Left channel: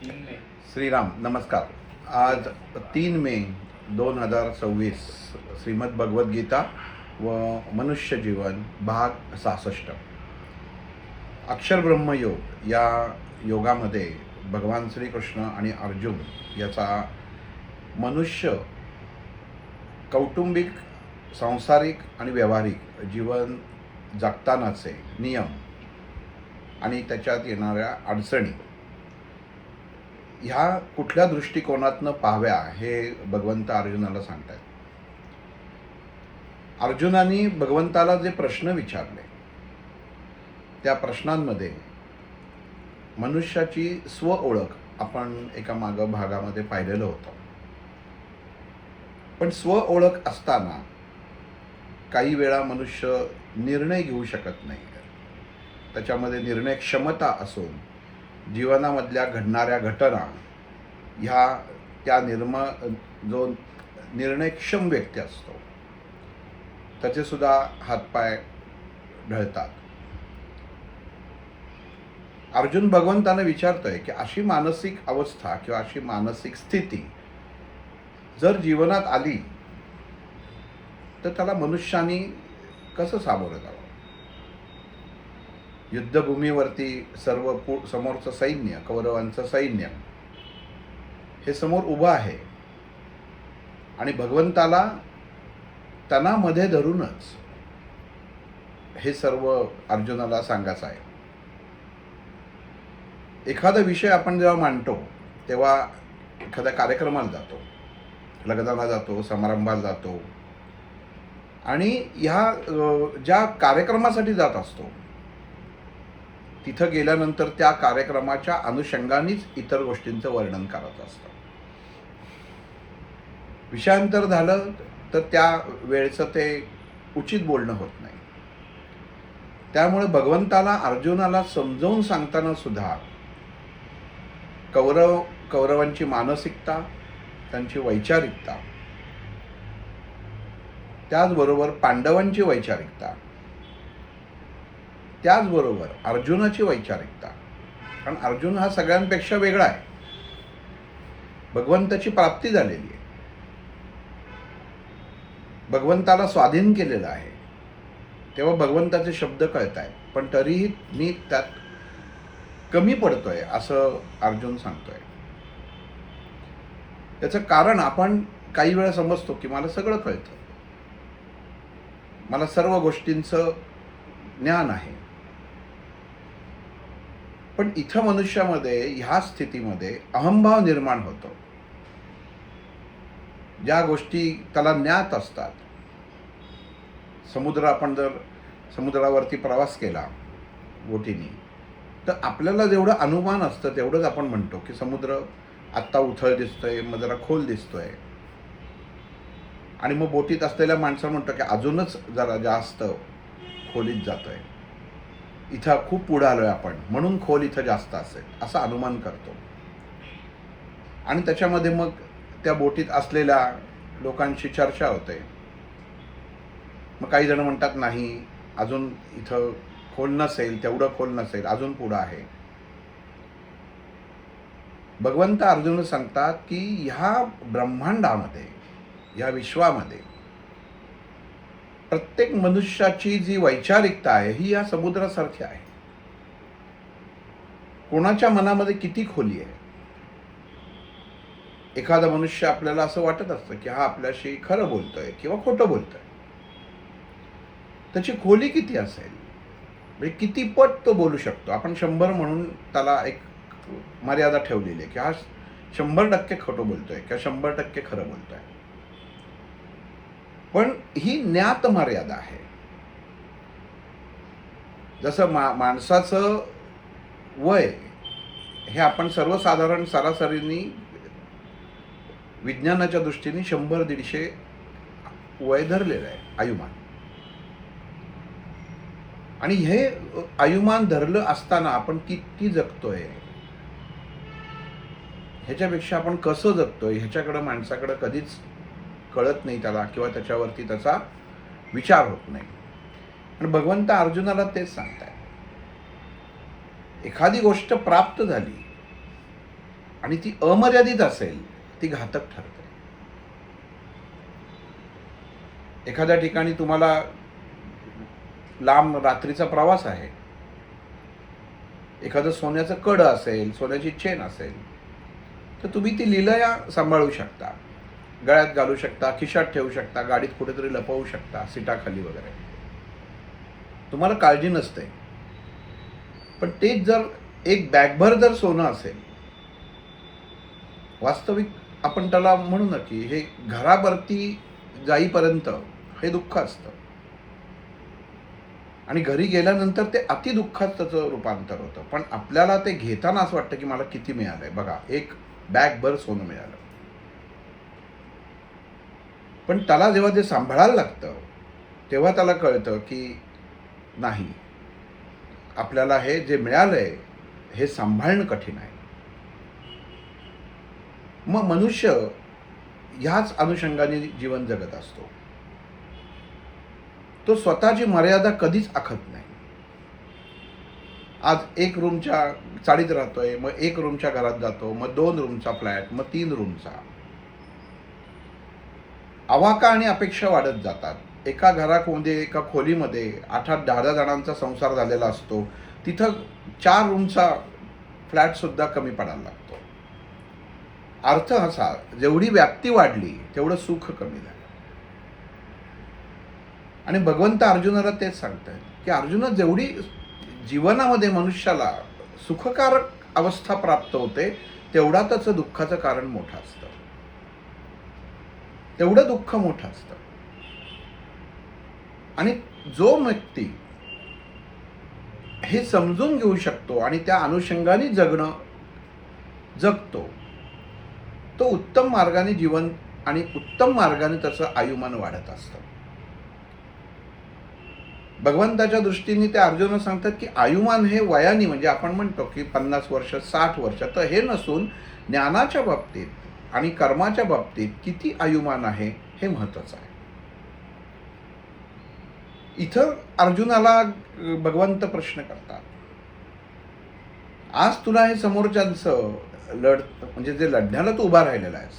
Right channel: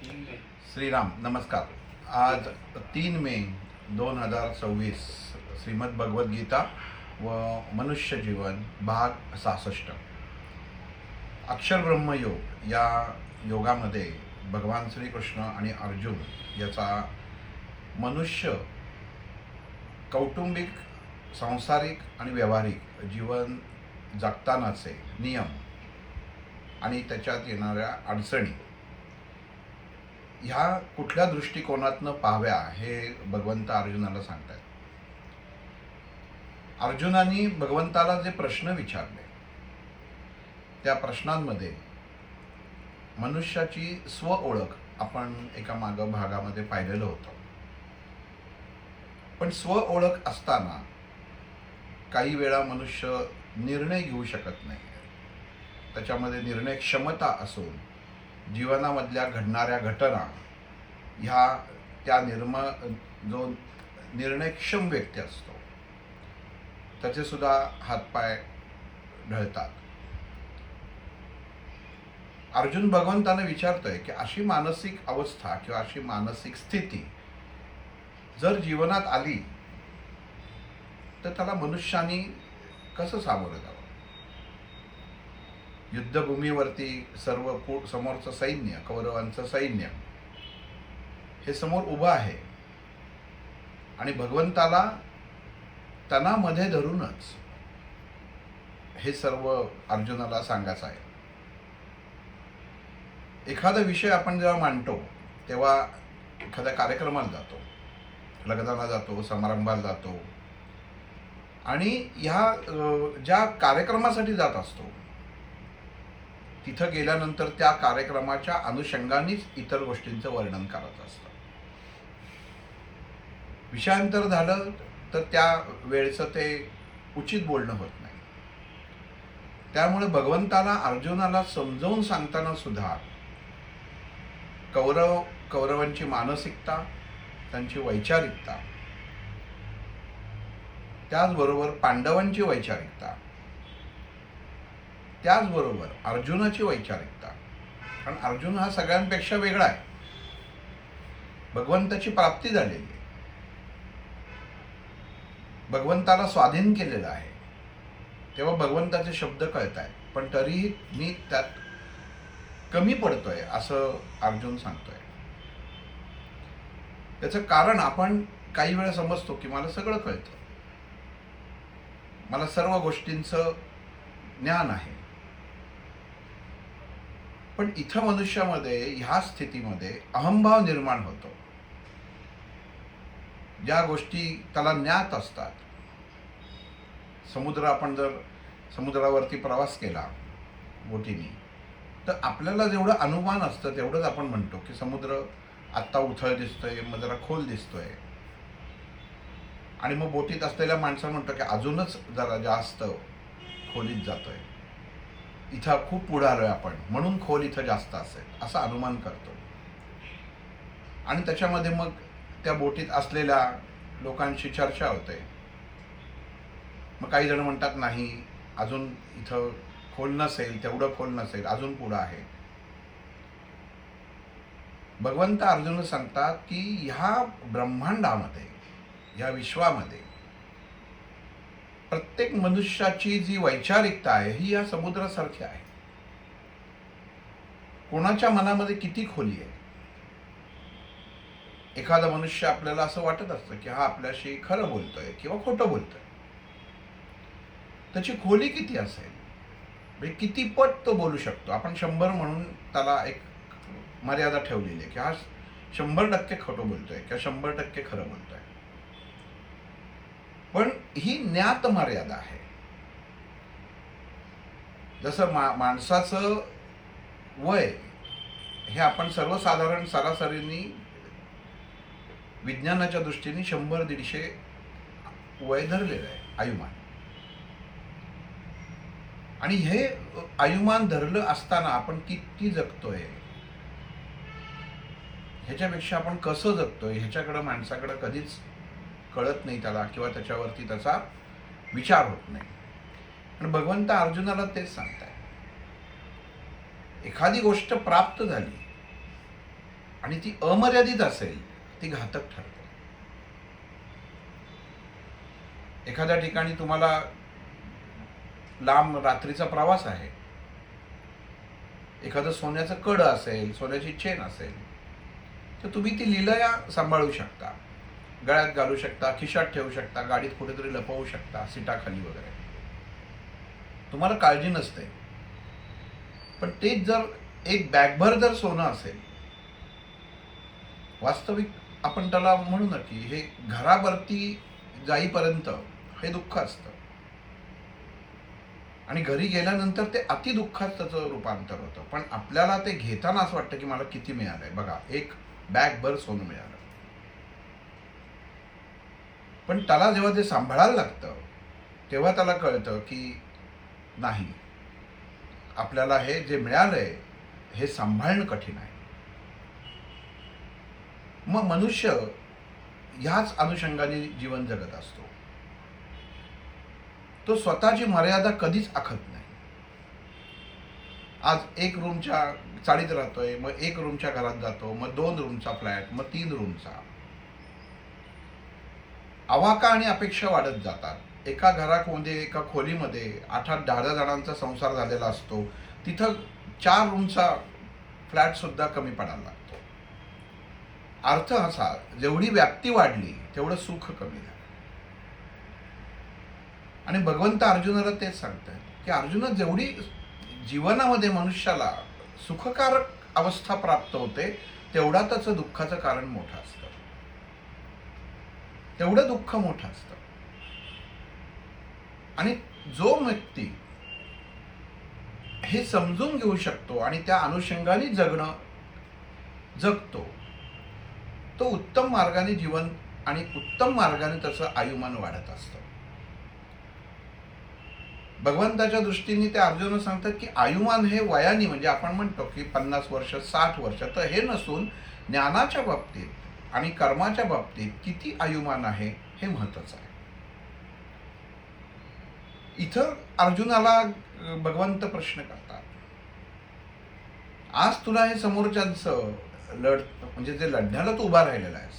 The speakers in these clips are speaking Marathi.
श्रीराम नमस्कार. आज 3 मे 2026 श्रीमद भगवद्गीता व मनुष्य जीवन भाग 66. अक्षर ब्रह्मयोग या योगामध्ये भगवान श्रीकृष्ण आणि अर्जुन याचा मनुष्य कौटुंबिक, सांसारिक आणि व्यावहारिक जीवन जगतानाचे नियम आणि त्याच्यात येणाऱ्या अडचणी ह्या कुठल्या दृष्टिकोनातनं पाहाव्या हे भगवंत अर्जुनाला सांगतात. अर्जुनाने भगवंताला जे प्रश्न विचारले त्या प्रश्नांमध्ये मनुष्याची स्व ओळख आपण एका भागामध्ये पाहिलेलं होतं. पण स्व ओळख असताना काही वेळा मनुष्य निर्णय घेऊ शकत नाही. त्याच्यामध्ये निर्णय क्षमता असून जीवनामधल्या घडणाऱ्या घटना ह्या त्या जो निर्णयक्षम व्यक्ती असतो त्याचे सुद्धा हातपाय ढळतात. अर्जुन भगवंताने विचारतोय की अशी मानसिक अवस्था किंवा अशी मानसिक स्थिती जर जीवनात आली तर त्याला मनुष्याने कसं सामोरं जावं. युद्धभूमीवरती समोरचं सैन्य, कौरवांचं सैन्य हे समोर उभं आहे आणि भगवंताला त्यांना मध्ये धरूनच हे सर्व अर्जुनाला सांगायचं आहे. एखादा विषय आपण जेव्हा मांडतो तेव्हा एखाद्या कार्यक्रमाला जातो, लग्नाला जातो, समारंभाला जातो आणि ह्या ज्या कार्यक्रमासाठी जात असतो तिथं गेल्यानंतर त्या कार्यक्रमाच्या अनुषंगानेच इतर गोष्टींचं वर्णन करत असतं. विषयांतर झालं तर त्या वेळचं ते उचित बोलणं होत नाही. त्यामुळे भगवंताला अर्जुनाला समजावून सांगताना सुद्धा कौरवांची मानसिकता, त्यांची वैचारिकता, त्याचबरोबर पांडवांची वैचारिकता, त्याचबरोबर अर्जुनाची वैचारिकता, कारण अर्जुन हा सगळ्यांपेक्षा वेगळा आहे. भगवंताची प्राप्ती झालेली आहे, भगवंताला स्वाधीन केलेलं आहे, तेव्हा भगवंताचे शब्द कळत आहेत. पण तरीही मी त्यात कमी पडतोय असं अर्जुन सांगतोय. त्याचं कारण आपण काही वेळा समजतो की मला सगळं कळतं, मला सर्व गोष्टींचं ज्ञान आहे. पण इथं मनुष्यामध्ये ह्या स्थितीमध्ये अहंभाव निर्माण होतो. ज्या गोष्टी त्याला ज्ञात असतात, आपण जर समुद्रावरती प्रवास केला बोटीने तर आपल्याला जेवढं अनुमान असतं तेवढंच आपण म्हणतो की समुद्र आत्ता उथळ दिसतोय, मग जरा खोल दिसतोय. आणि मग बोटीत असलेल्या माणसाला म्हणतो की अजूनच जरा जास्त खोलीत जातोय, इथं खूप पुढे आलोय आपण, म्हणून खोल इथं जास्त असेल असं अनुमान करतो. आणि त्याच्यामध्ये मग त्या बोटीत असलेल्या लोकांशी चर्चा होते. मग काही जण म्हणतात नाही, अजून इथं खोल नसेल, तेवढं खोल नसेल, अजून पुढं आहे. भगवंत अर्जुन सांगतात की ह्या ब्रह्मांडामध्ये, ह्या विश्वामध्ये प्रत्येक मनुष्याची जी वैचारिकता आहे ही या समुद्रासारखी आहे. कोणाच्या मनामध्ये किती खोली आहे. एखादा मनुष्य आपल्याला असं वाटत असतं की हा आपल्याशी खरं बोलतोय किंवा खोटं बोलतोय. त्याची खोली किती असेल, म्हणजे किती पट तो बोलू शकतो. आपण 100 म्हणून त्याला एक मर्यादा ठेवलेली आहे की हा 100% खोटं बोलतोय किंवा 100% खरं बोलतोय. पण ही ज्ञात मर्यादा आहे. जसं माणसाचं वय हे आपण सर्वसाधारण सरासरीने विज्ञानाच्या दृष्टीने 100-150 वय धरलेलं आहे, आयुमान. आणि हे आयुमान धरलं असताना आपण किती जगतोय, ह्याच्यापेक्षा आपण कसं जगतोय ह्याच्याकडे माणसाकडे कधीच कळत नाही त्याला, किंवा त्याच्यावरती त्याचा विचार होत नाही. आणि भगवंत अर्जुनाला तेच सांगताय. एखादी गोष्ट प्राप्त झाली आणि ती अमर्यादित असेल ती घातक ठरते. एखाद्या ठिकाणी तुम्हाला लांब रात्रीचा प्रवास आहे, एखादं सोन्याचं कड असेल, सोन्याची चेन असेल, तर तुम्ही ती लीलया सांभाळू शकता, गळ्यात घालू शकता, खिशात ठेवू शकता, गाडीत कुठेतरी लपवू शकता, सीटाखाली वगैरे. तुम्हाला काळजी नसते. पण तेच जर एक बॅगभर जर सोनं असेल, वास्तविक आपण त्याला म्हणू ना की हे घरावरती जाईपर्यंत हे दुःख असतं आणि घरी गेल्यानंतर ते अति दुःखात त्याचं रूपांतर होतं. पण आपल्याला ते घेताना असं वाटतं की मला किती मिळालंय बघा, एक बॅगभर सोनं मिळालं. पण त्याला जेव्हा ते सांभाळायला लागतं तेव्हा त्याला कळतं की नाही, आपल्याला हे जे मिळालंय हे सांभाळणं कठीण आहे. मग मनुष्य ह्याच अनुषंगाने जीवन जगत असतो. तो स्वतःची मर्यादा कधीच आखत नाही. आज एक रूमच्या चाळीत राहतोय, मग एक रूमच्या घरात जातो, मग 2 रूमचा फ्लॅट, मग 3 रूमचा. आवाका आणि अपेक्षा वाढत जातात. एका घरामध्ये, एका खोलीमध्ये 8-8, 10-10 जणांचा संसार झालेला असतो. तिथं 4 रूमचा फ्लॅट सुद्धा कमी पडायला लागतो. अर्थ असा, जेवढी व्याप्ती वाढली तेवढं सुख कमी झालं. आणि भगवंत अर्जुनाला तेच सांगतात की अर्जुना, जेवढी जीवनामध्ये मनुष्याला सुखकारक अवस्था प्राप्त होते तेवढा त्याचं दुःखाचं कारण मोठं असतं, तेवढं दुःख मोठं असतं. आणि जो व्यक्ती हे समजून घेऊ शकतो आणि त्या अनुषंगाने जगतो, तो उत्तम मार्गाने जीवन आणि उत्तम मार्गाने त्याचं आयुमान वाढत असतं. भगवंताच्या दृष्टीने ते अर्जुन सांगतात की आयुमान हे वयाने, म्हणजे आपण म्हणतो की 50 वर्ष 60 वर्ष, तर हे नसून ज्ञानाच्या बाबतीत आणि कर्माच्या बाबतीत किती आयुमान आहे हे महत्त्वाचं आहे. इथं अर्जुनाला भगवंत प्रश्न करतात, आज तुला हे समोरच्यांचं म्हणजे जे लढण्याला तू उभा राहिलेला आहेस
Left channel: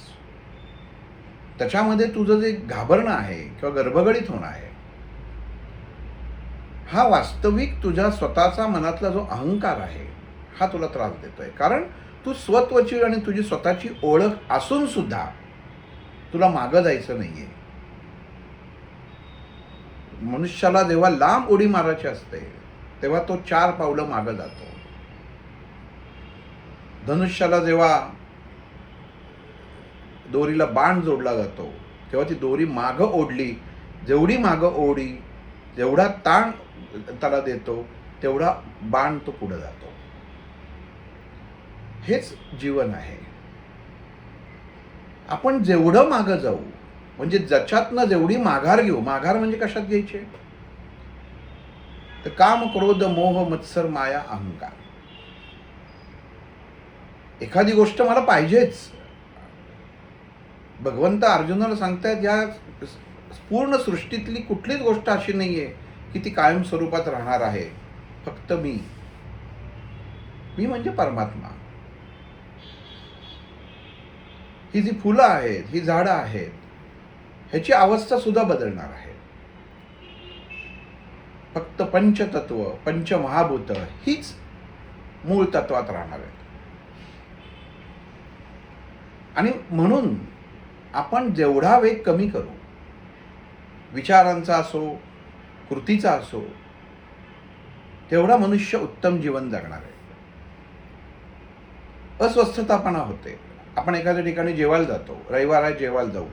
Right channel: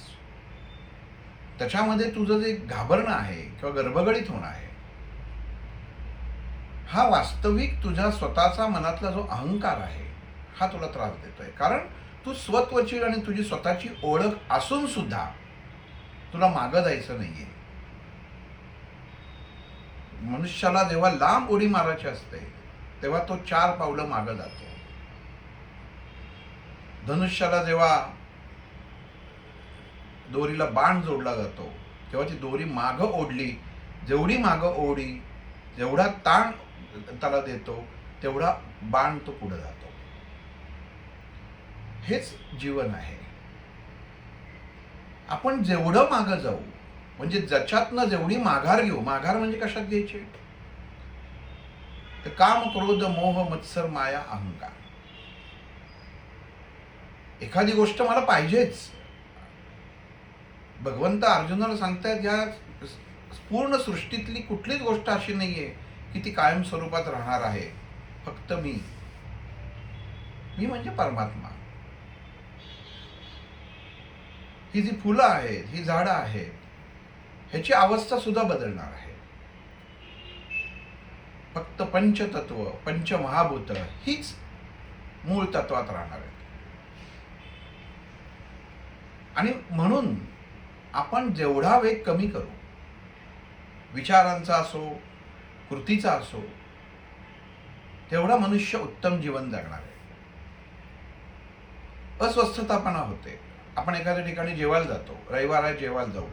त्याच्यामध्ये तुझं जे घाबरणं आहे किंवा गर्भगडीत होणं आहे, हा वास्तविक तुझ्या स्वतःचा मनातला जो अहंकार आहे हा तुला त्रास देतोय. कारण तू स्वत्वची आणि तुझी स्वतःची ओळख असून सुद्धा तुला मागं जायचं नाहीये. मनुष्याला जेव्हा लांब उडी मारायची असते तेव्हा तो 4 पावलं मागं जातो. धनुष्याला जेव्हा दोरीला बाण जोडला जातो तेव्हा ती दोरी मागं ओढली, जेवढी मागं ओढी, जेवढा ताण त्याला देतो तेवढा बाण तो पुढे जातो. हेच जीवन आहे. आपण जेवढं मागं जाऊ, म्हणजे ज्याच्यातनं जेवढी माघार घेऊ, माघार म्हणजे कशात घ्यायचे, तर काम, क्रोध, मोह, मत्सर, माया, अहंकार. एखादी गोष्ट मला पाहिजेच. भगवंत अर्जुनाला सांगतायत या पूर्ण सृष्टीतली कुठलीच गोष्ट अशी नाहीये की ती कायम स्वरूपात राहणार आहे. फक्त मी म्हणजे परमात्मा. ही जी फुलं आहेत, ही झाडं आहेत, ह्याची अवस्था सुद्धा बदलणार आहे. फक्त पंचतत्व, पंचमहाभूत हीच मूळ तत्वात राहणार आहेत. आणि म्हणून आपण जेवढा वेग कमी करू, विचारांचा असो, कृतीचा असो, तेवढा मनुष्य उत्तम जीवन जगणार आहे. अस्वस्थतापणा होते. आपण एखाद्या ठिकाणी जेवायला जातो, रविवार आहे जेवायला जाऊ,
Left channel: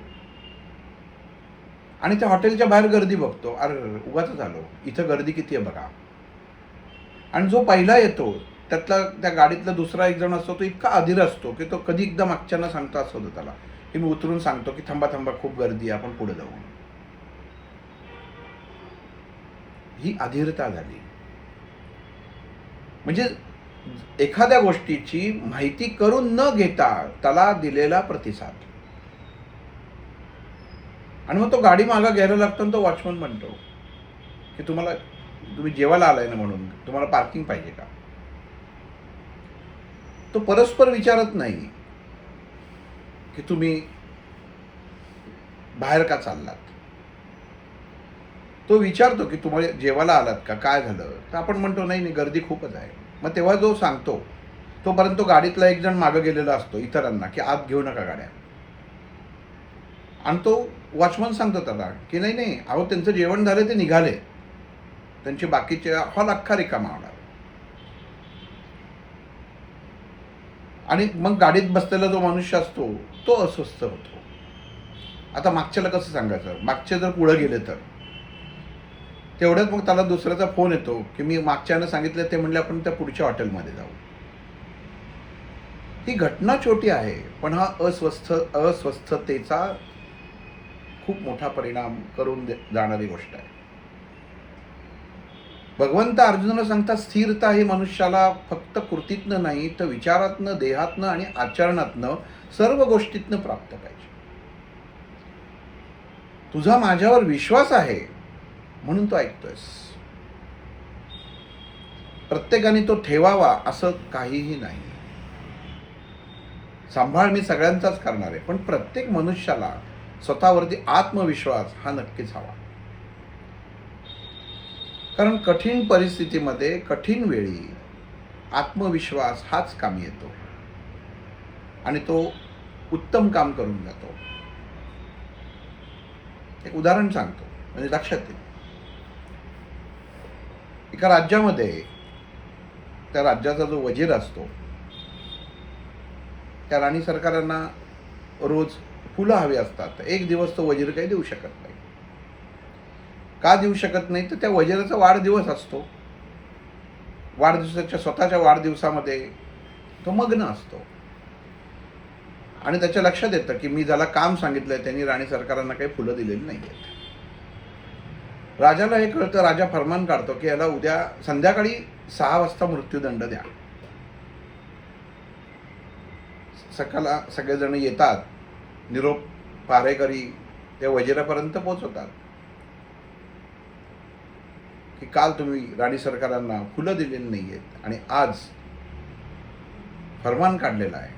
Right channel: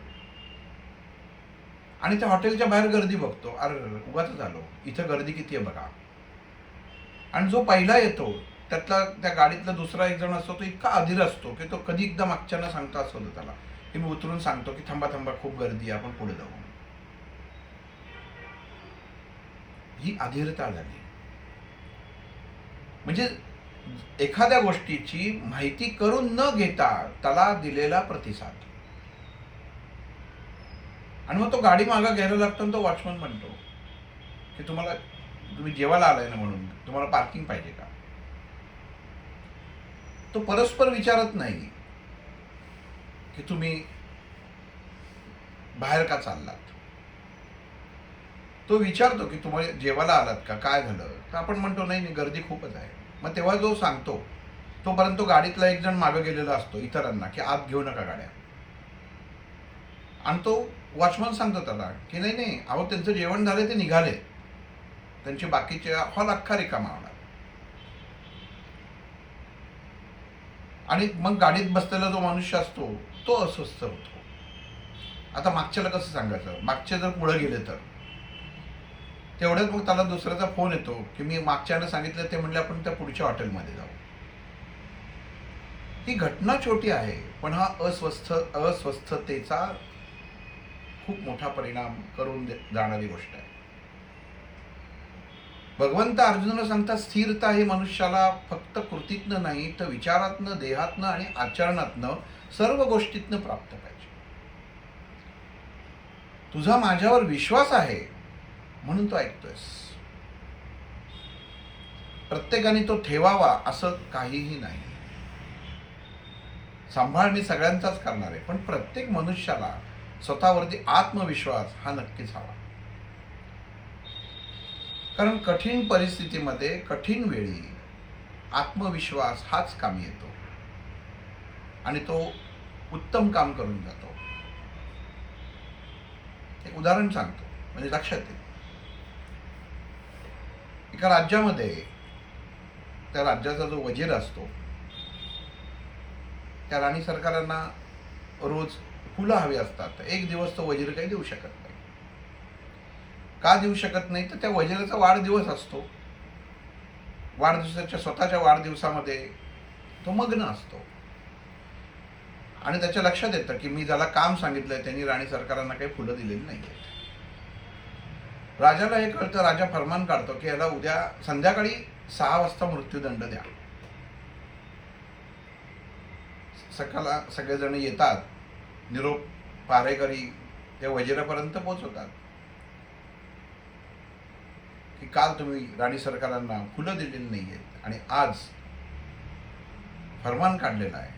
आणि त्या हॉटेलच्या बाहेर गर्दी बघतो, अरे उगाच आलो, इथं गर्दी किती आहे बघा. आणि जो पहिला येतो त्यातला, त्या गाडीतला दुसरा एक जण असतो, तो इतका अधीर असतो की तो कधी एकदा मागच्यानं सांगतो असं होतं त्याला की मी उतरून सांगतो की थांबा थांबा, खूप गर्दी आहे, आपण पुढे जाऊ. ही अधीरता झाली. म्हणजे एखाद्या गोष्टीची माहिती करून न घेता त्याला दिलेला प्रतिसाद. आणि मग तो गाडी मागं घ्यायला लागतो आणि तो वॉचमन म्हणतो की तुम्ही जेवायला आलाय ना, म्हणून तुम्हाला पार्किंग पाहिजे का. तो परस्पर विचारत नाही की तुम्ही बाहेर का चाललात. तो विचारतो की तुम्हाला जेवायला आलात का, काय झालं, तर आपण म्हणतो नाही नाही गर्दी खूपच आहे. मग तेव्हा जो सांगतो तोपर्यंत तो गाडीतला एक जण मागं गेलेला असतो इतरांना की आत घेऊ नका गाड्या, आणि तो वॉचमन सांगतो त्याला की नाही नाही अहो त्यांचं जेवण झालं, ते निघाले, त्यांचे बाकीचे हॉल अख्खा रिकामा होणार. आणि मग गाडीत बसलेला जो मनुष्य असतो तो अस्वस्थ होतो. आता मागच्याला कसं सांगायचं, मागचे जर पुढे गेले तर तेवढ्यात मग त्याला दुसऱ्याचा फोन येतो की मी मागच्यानं सांगितलं, ते म्हणले आपण त्या पुढच्या हॉटेलमध्ये जाऊ. ही घटना छोटी आहे पण हा अस्वस्थतेचा खूप मोठा परिणाम करून जाणारी गोष्ट आहे. भगवंत अर्जुनाला सांगतात स्थिरता ही मनुष्याला फक्त कृतीतनं नाही तर विचारातनं, देहातनं आणि आचरणातनं, सर्व गोष्टीतनं प्राप्त पाहिजे. तुझा माझ्यावर विश्वास आहे म्हणून तो ऐकतोयस. प्रत्येकाने तो ठेवावा असं काहीही नाही. सांभाळ मी सगळ्यांचाच करणार आहे, पण प्रत्येक मनुष्याला स्वतःवरती आत्मविश्वास हा नक्कीच हवा. कारण कठीण परिस्थितीमध्ये, कठीण वेळी आत्मविश्वास हाच कामी येतो आणि तो उत्तम काम करून जातो. एक उदाहरण सांगतो म्हणजे लक्षात येईल. एका राज्यामध्ये त्या राज्याचा जो वजीर असतो, त्या राणी सरकारांना रोज फुलं हवी असतात. एक दिवस तो वजीर काही देऊ शकत नाही. का देऊ शकत नाही, तर त्या वजिराचा वाढदिवस असतो. वाढदिवसाच्या स्वतःच्या वाढदिवसामध्ये तो मग्न असतो आणि त्याच्या लक्षात येतं की मी ज्याला काम सांगितलंय त्यांनी राणी सरकारांना काही फुलं दिलेली नाही आहेत. राजाला हे कळतं. राजा फरमान काढतो की याला उद्या संध्याकाळी 6 वाजता मृत्यूदंड द्या. सकाळला सगळेजण येतात. निरोप पहारेकरी त्या वजिरापर्यंत पोहोचवतात की काल तुम्ही राणी सरकारांना फुलं दिलेली नाही आहेत आणि आज फरमान काढलेला आहे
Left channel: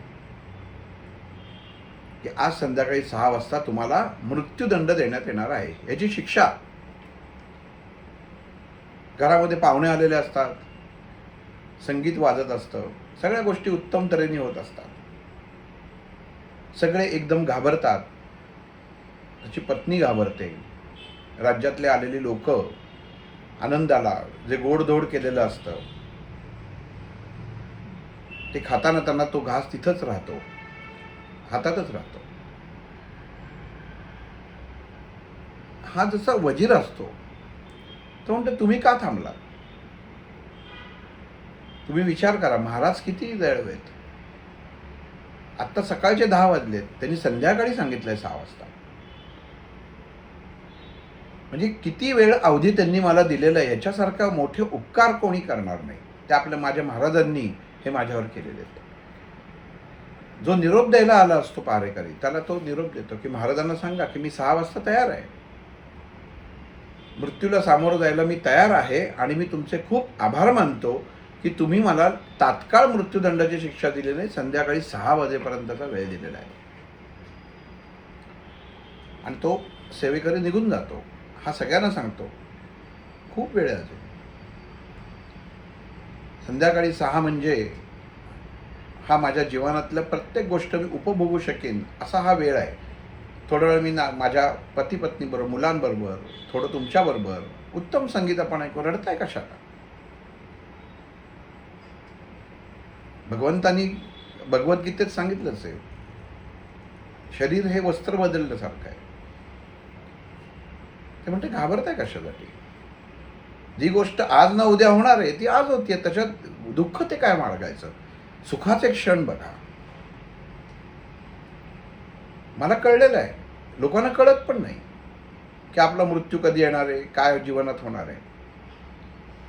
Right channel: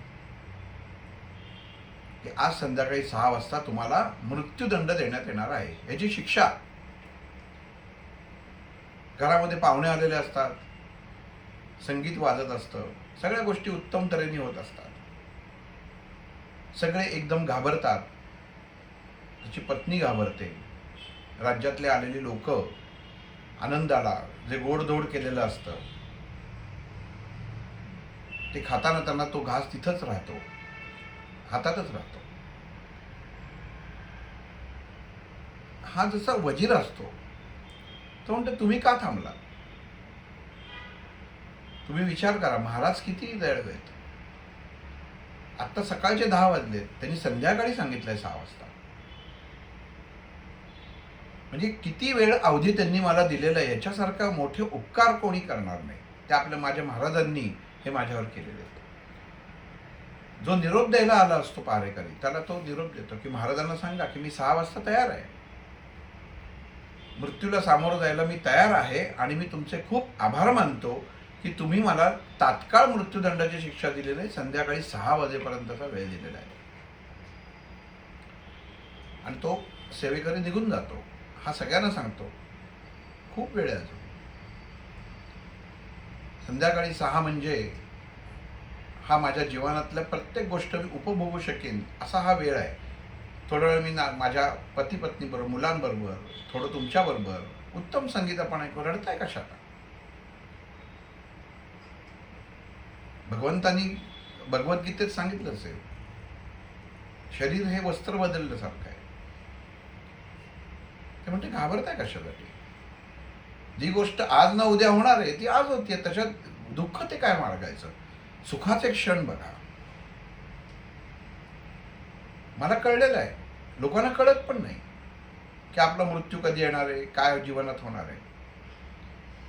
की आज संध्याकाळी 6 वाजता तुम्हाला मृत्यूदंड देण्यात येणार आहे. याची शिक्षा. घरामध्ये पाहुणे आलेले असतात, संगीत वाजत असतं, सगळ्या गोष्टी उत्तम तऱ्हेने होत असतात. सगळे एकदम घाबरतात. त्याची पत्नी घाबरते. राज्यातले आलेली लोक आनंदाला जे गोडधोड केलेलं असतं ते खाताना त्यांना तो घास तिथंच राहतो, हातातच राहतो. हा जसा वजीर असतो तो म्हणतो तुम्ही का थांबलात? तुम्ही विचार करा, महाराज किती वेळ आहेत. आत्ता सकाळचे 10 वाजलेत, त्यांनी संध्याकाळी सांगितलंय 6 वाजता. म्हणजे किती वेळ अवधी त्यांनी मला दिलेला आहे. याच्यासारखा मोठे उपकार कोणी करणार नाही. ते आपल्या माझ्या महाराजांनी हे माझ्यावर केलेले आहेत. जो निरोप द्यायला आला असतो पहारेकरी, त्याला तो निरोप देतो की महाराजांना सांगा की मी 6 वाजता तयार आहे, मृत्यूला सामोरं जायला मी तयार आहे आणि मी तुमचे खूप आभार मानतो की तुम्ही मला तात्काळ मृत्यूदंडाची शिक्षा दिली नाही, संध्याकाळी 6 वाजेपर्यंतचा वेळ दिलेला आहे. आणि तो सेवेकरी निघून जातो. हा सगळ्यांना सांगतो खूप वेळ आहे अजून. संध्याकाळी 6 म्हणजे हा माझ्या जीवनातल्या प्रत्येक गोष्ट मी उपभोगू शकेन असा हा वेळ आहे. थोडा वेळ मी माझ्या पती पत्नीबरोबर, मुलांबरोबर, थोडं तुमच्याबरोबर उत्तम संगीत आपण ऐकू. रडताय कशाला? भगवंतानी भगवद्गीतेत सांगितलंच आहे, शरीर हे वस्त्र बदलल्यासारखं आहे. ते म्हणते घाबरताय कशासाठी? जी गोष्ट आज ना उद्या होणार आहे ती आज होतीये, त्याच्यात दुःख ते काय मार्गायचं? सुखाचे क्षण बघा. मला कळलेलं आहे, लोकांना कळत पण नाही की आपला मृत्यू कधी येणार आहे, काय जीवनात होणार आहे.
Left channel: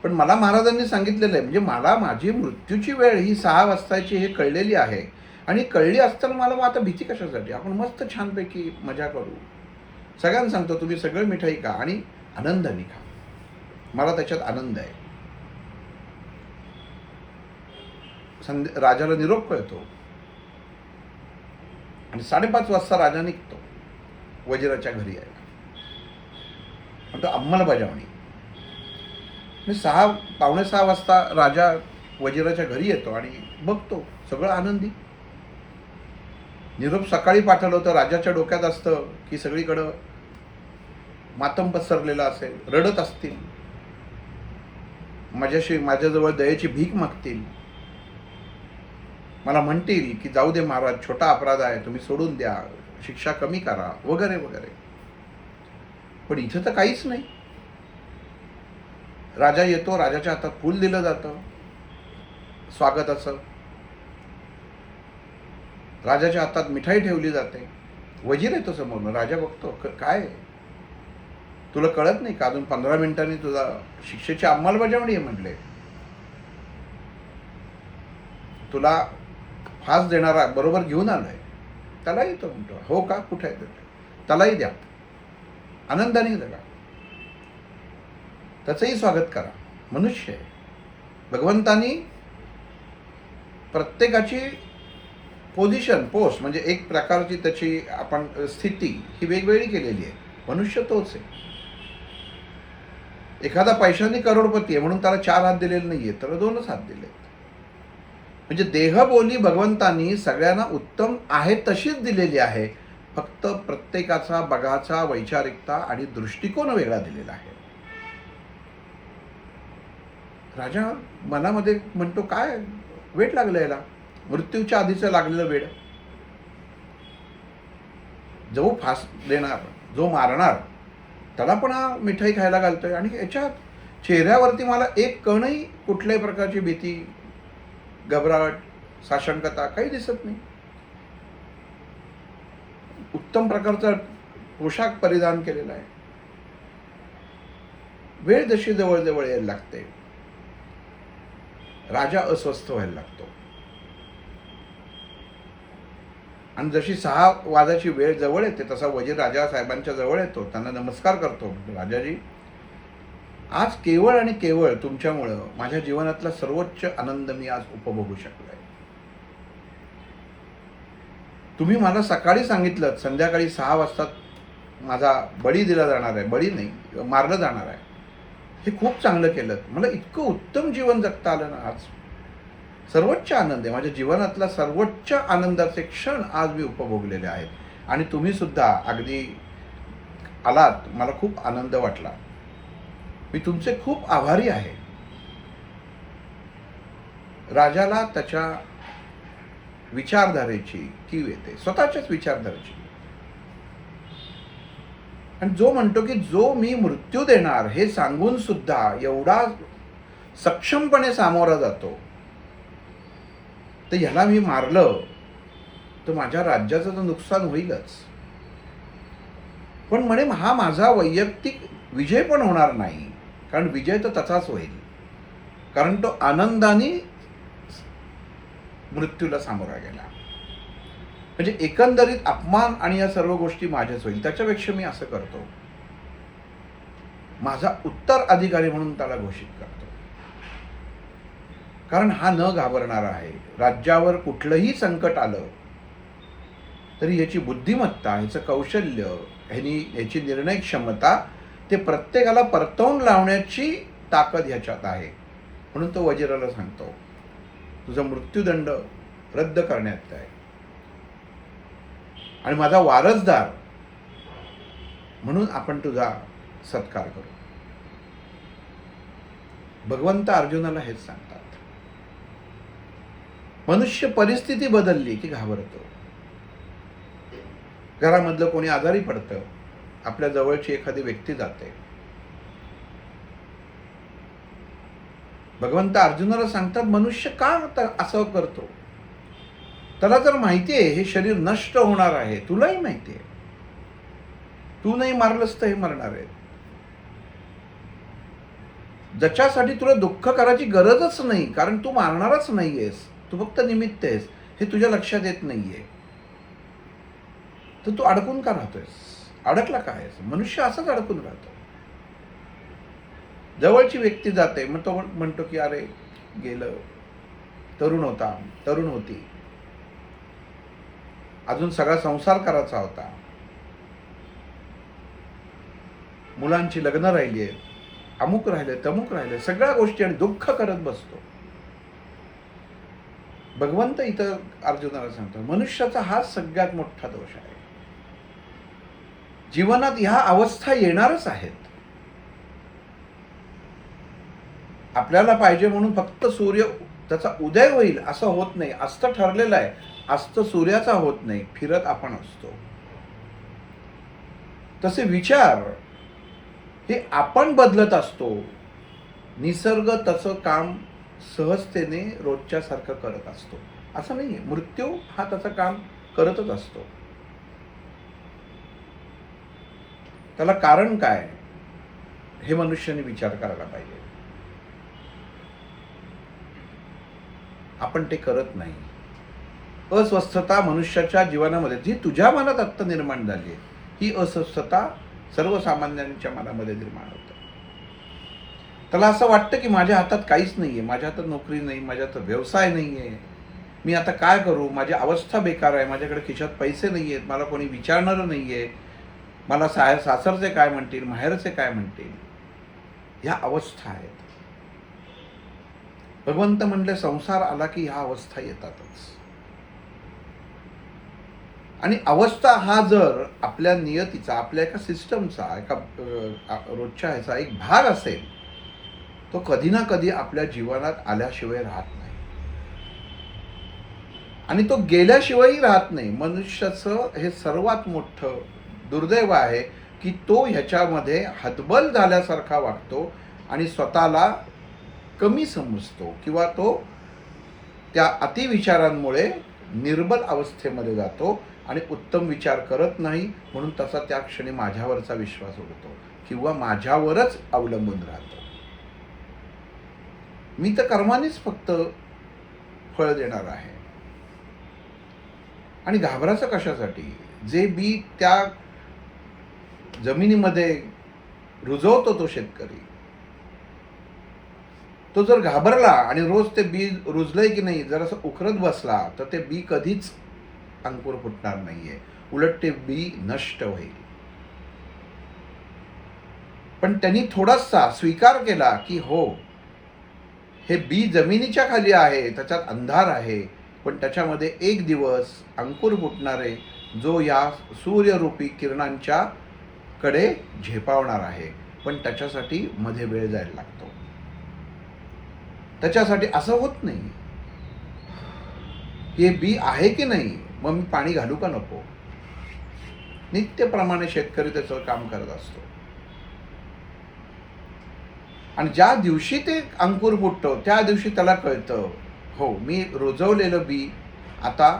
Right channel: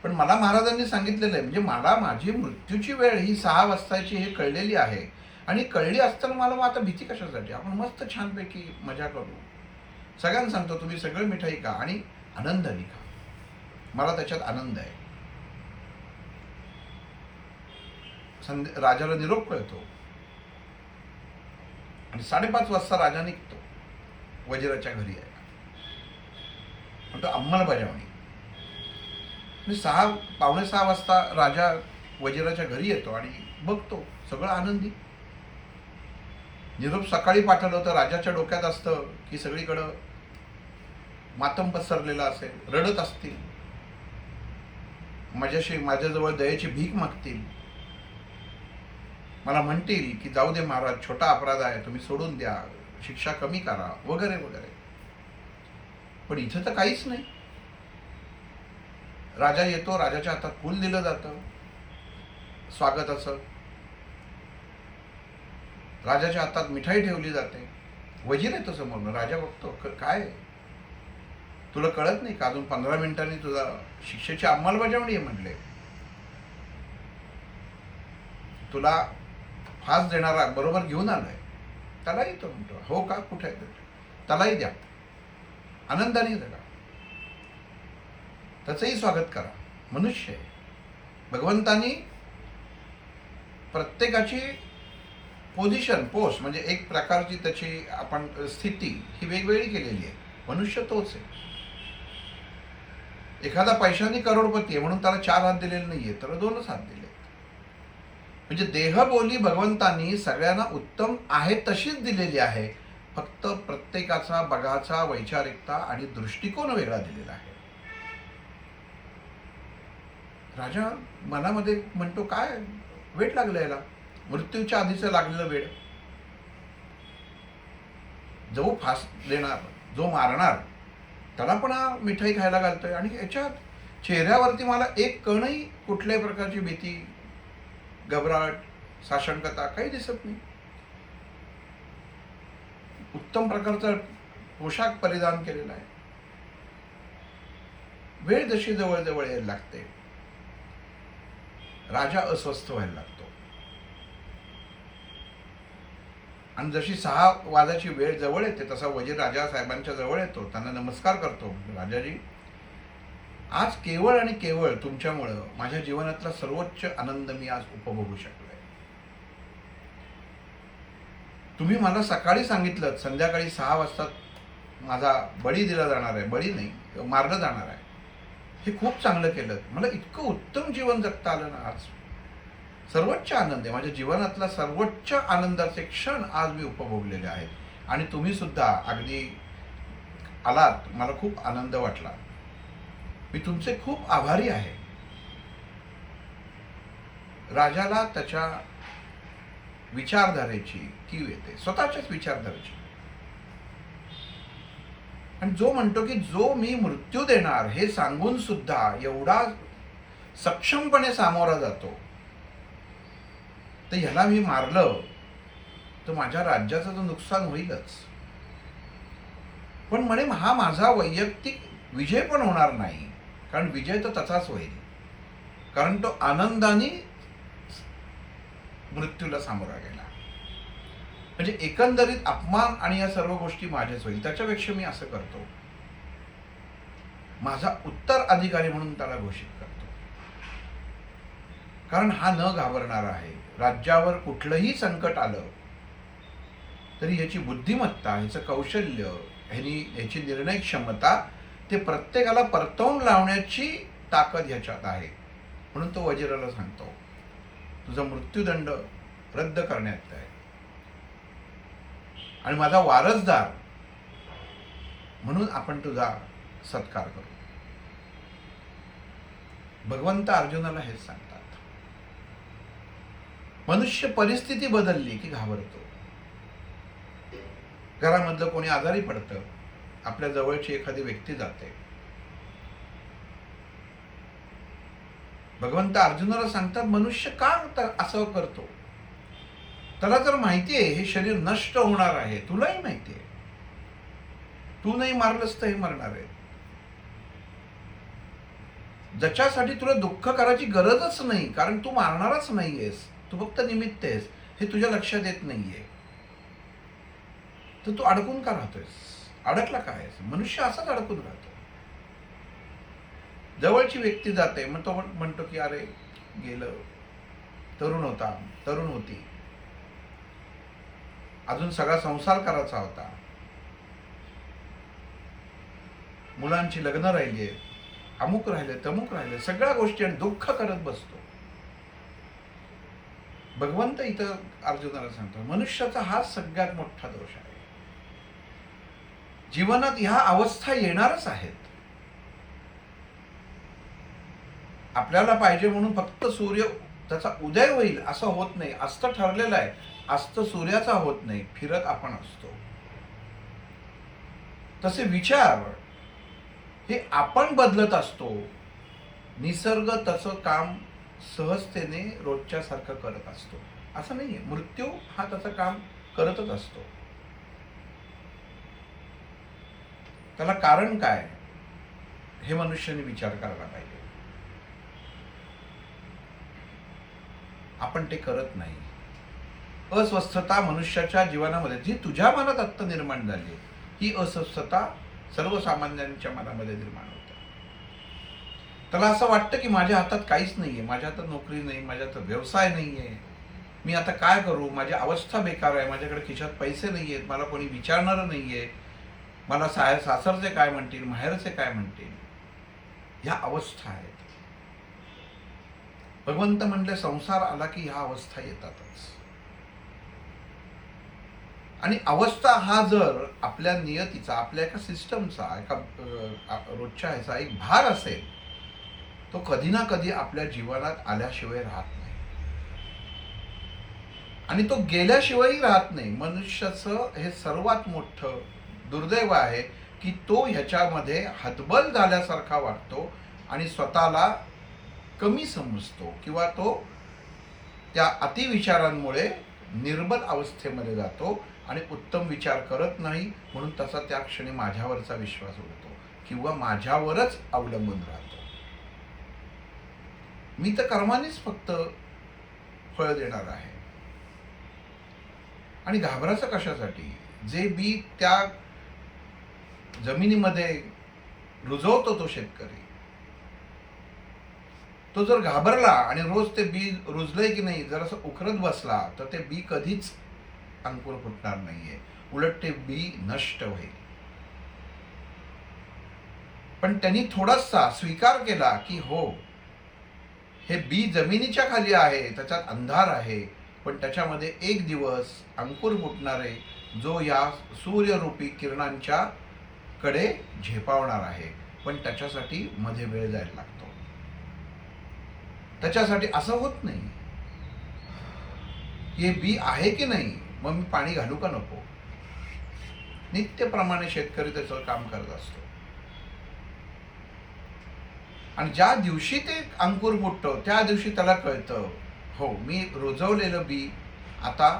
पण मला महाराजांनी सांगितलेलं आहे, म्हणजे मला माझी मृत्यूची वेळ ही 6 वाजताची हे कळलेली आहे. आणि कळली असताना मला मग आता भीती कशासाठी? आपण मस्त छानपैकी मजा करू. सगळ्यांना सांगतो तुम्ही सगळं मिठाई खा आणि आनंदाने खा. मला त्याच्यात आनंद आहे. राजाला निरोप कळतो आणि 5:30 वाजता राजा निघतो वजिराच्या घरी यायला. म्हणतो अंमलबजावणी. मी 5:45 वाजता राजा वजिराच्या घरी येतो आणि बघतो सगळं आनंदी. निरोप सकाळी पाठवलं होतं. राजाच्या डोक्यात असतं की सगळीकडं मातम पसरलेला असेल, रडत असतील, माझ्याजवळ दयेची भीक मागतील, मला म्हणतील की जाऊ दे महाराज, छोटा अपराध आहे, तुम्ही सोडून द्या, शिक्षा कमी करा, वगैरे वगैरे. पण इथं तर काहीच नाही. राजा येतो, राजाच्या हातात फूल दिलं जातं स्वागताचं, राजाच्या हातात मिठाई ठेवली जाते. वजीर येतो समोर. राजा बघतो, काय तुला कळत नाही का, अजून 15 मिनिटांनी तुझा शिक्षेची अंमलबजावणी आहे म्हटले, तुला फास देणारा बरोबर घेऊन आलाय. त्यालाही तो म्हणतो, हो का, कुठे आहे त्यालाही द्या, आनंदाने जगा, त्याचंही स्वागत करा. मनुष्य आहे. भगवंतानी प्रत्येकाची पोझिशन, पोस्ट म्हणजे एक प्रकारची त्याची आपण स्थिती ही वेगवेगळी केलेली आहे. मनुष्य तोच आहे. एखादा पैशाने करोडपती आहे म्हणून त्याला 4 हात दिलेले नाहीये, तर 2च हात दिले. म्हणजे देहबोली भगवंतानी सगळ्यांना उत्तम आहे तशीच दिलेली आहे. फक्त प्रत्येकाचा बघाचा वैचारिकता आणि दृष्टिकोन वेगळा दिलेला आहे. राजा मनामध्ये म्हणतो, काय वेळ लागलं याला, मृत्यूच्या आधीचं लागलेलं वेळ. जो फास देणार, जो मारणार, त्याला पण हा मिठाई खायला घालतोय. आणि याच्यात चेहऱ्यावरती मला एक कणही कुठल्याही प्रकारची भीती, घबराट, साशंकता काही दिसत नाही. उत्तम प्रकारचा पोशाख परिधान केलेला आहे. वेळ जशी जवळ जवळ यायला लागते, राजा अस्वस्थ व्हायला लागतो. आणि जशी 6 वाजाची वेळ जवळ येते तसा वजीर राजा साहेबांच्या जवळ येतो, त्यांना नमस्कार करतो. राजाजी, आज केवळ आणि केवळ तुमच्यामुळं माझ्या जीवनातला सर्वोच्च आनंद मी आज उपभोगू शकलोय. तुम्ही मला सकाळी सांगितलं संध्याकाळी 6 वाजता माझा बळी दिला जाणार आहे, बळी नाही मारलं जाणार आहे. हे खूप चांगलं केलं. मला इतकं उत्तम जीवन जगता आलं ना. आज सर्वोच्च आनंद आहे. माझ्या जीवनातला सर्वोच्च आनंदाचे क्षण आज मी उपभोगलेले आहेत. आणि तुम्ही सुद्धा अगदी आलात, मला खूप आनंद वाटला. मी तुमचे खूप आभारी आहे. राजाला त्याच्या विचारधारेची कीव येते, स्वतःच्याच विचारधारेची. आणि जो म्हणतो की जो मी मृत्यू देणार हे सांगून सुद्धा एवढा सक्षमपणे सामोरा जातो, तर ह्याला मी मारलं तर माझ्या राज्याचं तर नुकसान होईलच. पण म्हणे हा माझा वैयक्तिक विजय पण होणार नाही, कारण विजय तर तसाच होईल, कारण तो आनंदाने मृत्यूला सामोरा गेला. म्हणजे एकंदरीत अपमान आणि या सर्व गोष्टी माझ्याच होईल. त्याच्यापेक्षा मी असं करतो, माझा उत्तराधिकारी म्हणून त्याला घोषित करतो, कारण हा न घाबरणारा आहे. राज्यावर कुठलंही संकट आलं तरी याची बुद्धिमत्ता, ह्याचं कौशल्य, ह्याची निर्णय क्षमता, ते प्रत्येकाला परतवून लावण्याची ताकद ह्याच्यात आहे. म्हणून तो वजिराला सांगतो, तुझा मृत्यूदंड रद्द करण्यात आहे आणि माझा वारसदार म्हणून आपण तुझा सत्कार करू. भगवंत अर्जुनाला हेच सांगतात. मनुष्य परिस्थिती बदलली की घाबरतो. घरामधलं कोणी आजारी पडतं, आपल्या जवळची एखादी व्यक्ती जाते. भगवंत अर्जुनाला सांगतात, मनुष्य का असं करतो? त्याला तर माहिती आहे हे शरीर नष्ट होणार आहे, तुलाही माहिती आहे. तू नाही मारलंस तर हे मरणार आहे. ज्याच्यासाठी तुला दुःख करायची गरजच नाही, कारण तू मारणारच नाहीयेस, तू फक्त निमित्त आहेस, हे तुझ्या लक्षात येत नाहीये. तर तू अडकून का राहतोयस? अडकला काय? मनुष्य असंच अडकून राहतो. जवळची व्यक्ती जाते, मग तो म्हणतो की अरे गेलं, तरुण होता, तरुण होती, अजून सगळा संसार करायचा होता, मुलांची लग्न राहिली आहेत, अमुक राहिले तमुक राहिले, सगळ्या गोष्टी, आणि दुःख करत बसतो. भगवंत इथं अर्जुनाला सांगतो, मनुष्याचा हा सगळ्यात मोठा दोष आहे. जीवनात ह्या अवस्था येणारच आहेत. आपल्याला पाहिजे म्हणून फक्त सूर्य त्याचा उदय होईल असं होत नाही. अस्त ठरलेलं आहे, अस्त सूर्याचा होत नाही, फिरत आपण असतो. तसे विचार हे आपण बदलत असतो. निसर्ग तसं काम सहजतेने रोजच्या सारखं करत असतो. असं नाहीये, मृत्यू हा त्याचं काम करतच असतो. त्याला कारण काय हे मनुष्याने विचार करायला पाहिजे. आपण ते करत नाही. अस्वस्थता मनुष्याच्या जीवनामध्ये जी तुझ्या मनात आत्ता निर्माण झाली आहे, ही अस्वस्थता सर्वसामान्यांच्या मनामध्ये निर्माण होते. त्याला असं वाटतं की माझ्या हातात काहीच नाहीये, माझ्या हातात नोकरी नाही, माझ्या हातात व्यवसाय नाहीये, मी आता काय करू, माझी अवस्था बेकार आहे, माझ्याकडे खिशात पैसे नाहीयेत, मला कोणी विचारणारं नाहीये, मला सासरचे काय म्हणतील, माहेरचे काय म्हणतील, ह्या अवस्था आहेत. भगवंत म्हणले संसार आला की ह्या अवस्था येतातच. आणि अवस्था हा जर आपल्या नियतीचा, आपल्या एका सिस्टमचा, एका रोजच्या ह्याचा एक भाग असेल, तो कधी ना कधी आपल्या जीवनात आल्याशिवाय राहत नाही, आणि तो गेल्याशिवायही राहत नाही. मनुष्याचं हे सर्वात मोठं दुर्दैव आहे की तो ह्याच्यामध्ये हतबल झाल्यासारखा वाटतो आणि स्वतःला कमी समजतो, किंवा तो त्या अतिविचारांमुळे निर्बल अवस्थेमध्ये जातो आणि उत्तम विचार करत नाही. म्हणून तसा त्या क्षणी माझ्यावरचा विश्वास उडतो किंवा माझ्यावरच अवलंबून राहतो. मी तर कर्मानेच फक्त फळ देणार आहे. आणि घाबराचं कशासाठी? जे बी त्या जमिनीमध्ये रुजवतो तो शेतकरी, तो जर घाबरला आणि रोज ते बी रुजलंय की नाही जर असं उकरत बसला, तर ते बी कधीच अंकुर फुटणार नाहीये, उलट ते बी नष्ट होईल. पण त्यांनी थोडासा स्वीकार केला की हो, हे बी जमिनीच्या खाली आहे, त्याच्यात अंधार आहे, पण त्याच्यामध्ये एक दिवस अंकुर फुटणारे, जो या सूर्यरूपी किरणांच्या कडे झेपावणार आहे. पण त्याच्यासाठी मध्ये वेळ जायला लागतो. त्याच्यासाठी असं होत नाही हे बी आहे की नाही, मग मी पाणी घालू का नको. नित्यप्रमाणे शेतकरी त्याचं काम करत असतो. आणि ज्या दिवशी ते अंकुर फुटतो त्या दिवशी त्याला कळतं, हो, मी रुजवलेलं बी आता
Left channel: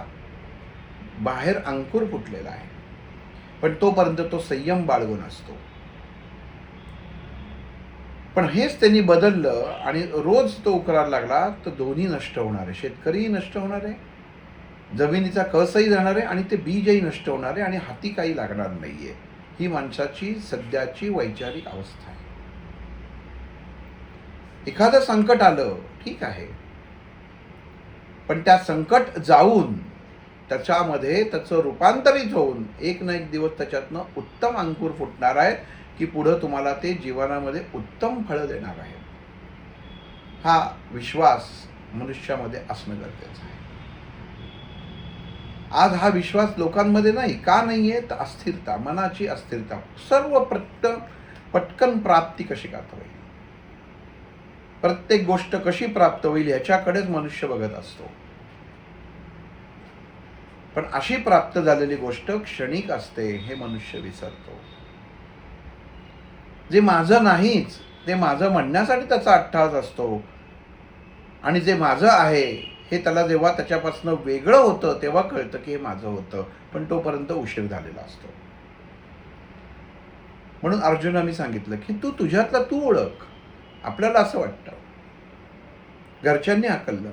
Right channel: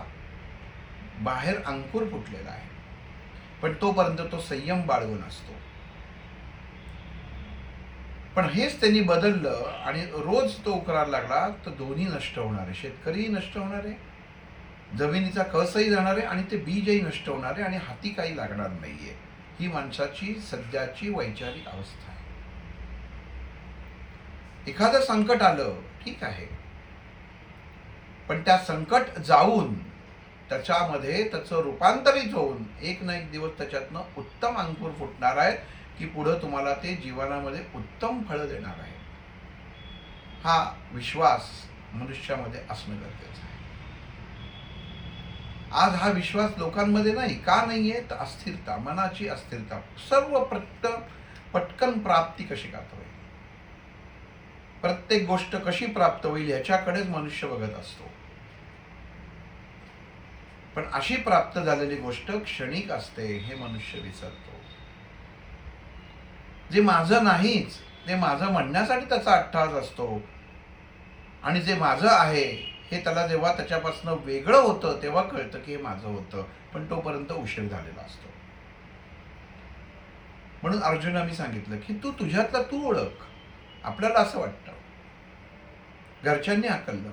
बाहेर अंकुर फुटलेला आहे. पण तोपर्यंत तो संयम बाळगून असतो. पण हेच त्यांनी बदललं आणि रोज तो उकरायला लागला, तर दोन्ही नष्ट होणार आहे. शेतकरीही नष्ट होणार आहे, जमिनीचा कसही जाणार आहे, आणि ते बीजही नष्ट होणार आहे, आणि हाती काही लागणार नाहीये. ही माणसाची सध्याची वैचारिक अवस्था आहे. एखादं संकट आलं ठीक आहे, पण त्या संकट जाऊन त्याच्यामध्ये त्याचं रूपांतरित होऊन एक ना एक दिवस त्याच्यातनं उत्तम अंकुर फुटणार आहे की पुढं तुम्हाला ते जीवनामध्ये उत्तम फळ देणार आहे. हा विश्वास मनुष्यामध्ये असणं गरजेचं आहे. आज हा विश्वास लोकांमध्ये नाही. का नाहीये? तर अस्थिरता, मनाची अस्थिरता. सर्व पटकन प्राप्ती कशी करता होईल, प्रत्येक गोष्ट कशी प्राप्त होईल ह्याच्याकडेच मनुष्य बघत असतो. पण अशी प्राप्त झालेली गोष्ट क्षणिक असते हे मनुष्य विसरतो. जे माझं नाहीच ते माझं म्हणण्यासाठी त्याचा अट्टहास असतो, आणि जे माझं आहे हे त्याला जेव्हा त्याच्यापासून वेगळं होतं तेव्हा कळतं की हे माझं होतं, पण तोपर्यंत उशीर झालेला असतो. म्हणून अर्जुनाने सांगितलं की तू तुझ्यातला तू ओळख. आपल्याला असं वाटतं, घरच्यांनी हाकललं,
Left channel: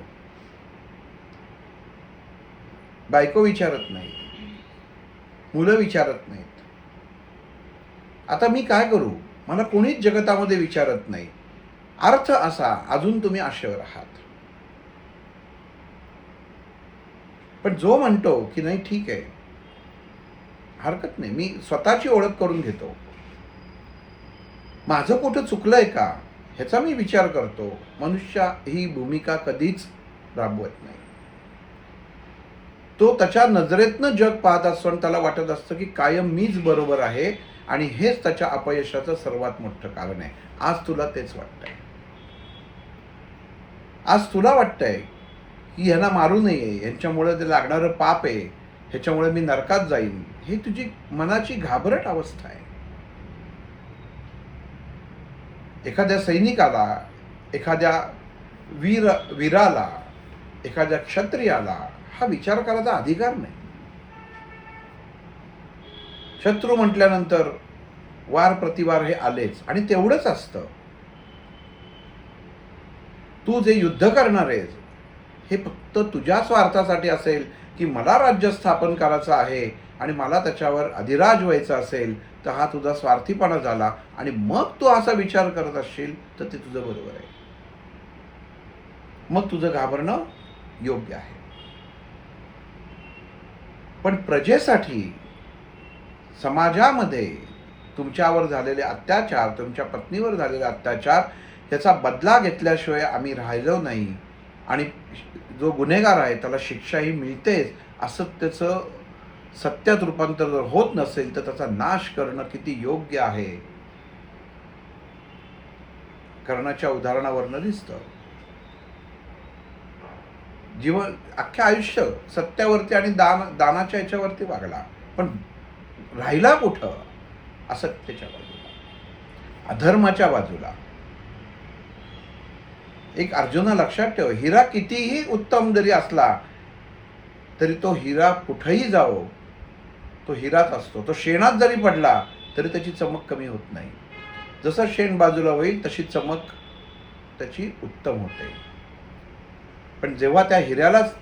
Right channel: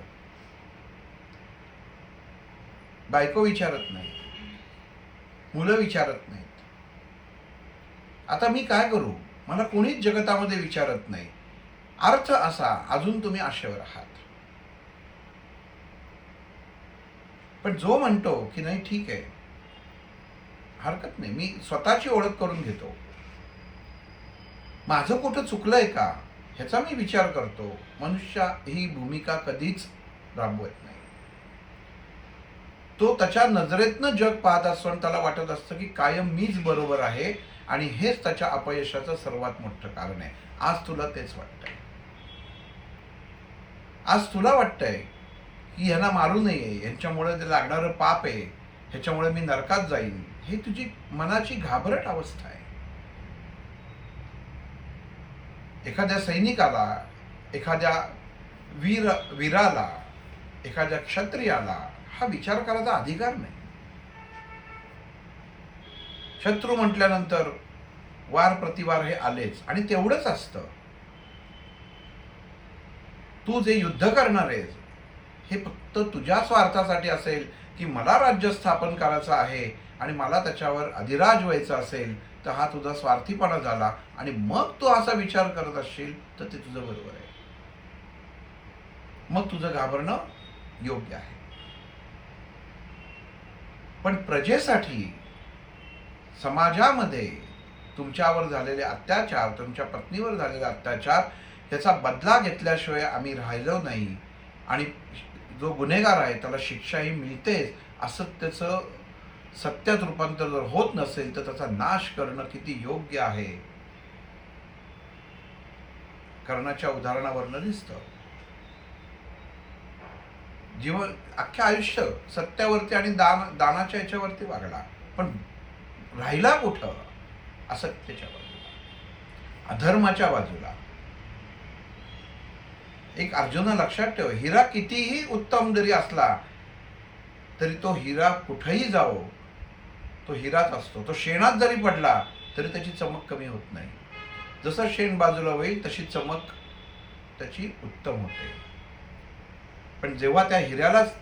बायको विचारत नाही, मुलं विचारत नाहीत, आता मी काय करू, मला कोणीच जगतामध्ये विचारत नाही. अर्थ असा, अजून तुम्ही आशेवर आहात. पण जो म्हणतो की नाही ठीक आहे, हरकत नाही, मी स्वतःची ओळख करून घेतो. माझं कुठं चुकलंय का ह्याचा मी विचार करतो. मनुष्य ही भूमिका कधीच राबवत नाही. तो त्याच्या नजरेतनं जग पाहत असतो आणि त्याला वाटत असतं की कायम मीच बरोबर आहे आणि हेच त्याच्या अपयशाचं सर्वात मोठं कारण आहे. आज तुला तेच वाटतंय. आज तुला वाटतंय की ह्यांना मारू नये, ह्यांच्यामुळे ते लागणारं पाप आहे, ह्याच्यामुळे मी नरकात जाईन. हे तुझी मनाची घाबरट अवस्था आहे. एखाद्या सैनिकाला, एखाद्या वीराला, एखाद्या क्षत्रियाला हा विचार करायचा अधिकार नाही. शत्रू म्हटल्यानंतर वार प्रतिवार हे आलेच आणि तेवढंच असतं. तू जे युद्ध करणार आहेस हे फक्त तुझ्या स्वार्थासाठी असेल की मला राज्य स्थापन करायचं आहे आणि मला त्याच्यावर अधिराज व्हायचं असेल तर हा तुझा स्वार्थीपणा झाला आणि मग तू असा विचार करत असशील तर ते तुझं बरोबर आहे. मग तुझं घाबरणं योग्य आहे. पण प्रजेसाठी, समाजामध्ये तुमच्यावर झालेले अत्याचार, तुमच्या पत्नीवर झालेले अत्याचार याचा बदला घेतल्याशिवाय आम्ही राहिलो नाही आणि जो गुन्हेगार आहे त्याला शिक्षाही मिळतेच असं त्याचं सत्यात रूपांतर जर होत नसेल तर त्याचा नाश करणं किती योग्य आहे कर्णाच्या उदाहरणावरनं दिसतं. जीवन अख्ख्या आयुष्य सत्यावरती आणि दानाच्या याच्यावरती वागला पण राहिला कुठं? असत्याच्या बाजूला, अधर्माच्या बाजूला. एक अर्जुना लक्षात ठेव, हिरा कितीही उत्तम जरी असला तरी तो हिरा कुठेही जाओ तो हिराच असतो. तो शेणात जरी पडला तरी त्याची चमक कमी होत नाही. जसं शेण बाजूला होईल तशी चमक त्याची उत्तम होते. पण जेव्हा त्या हिऱ्यालाच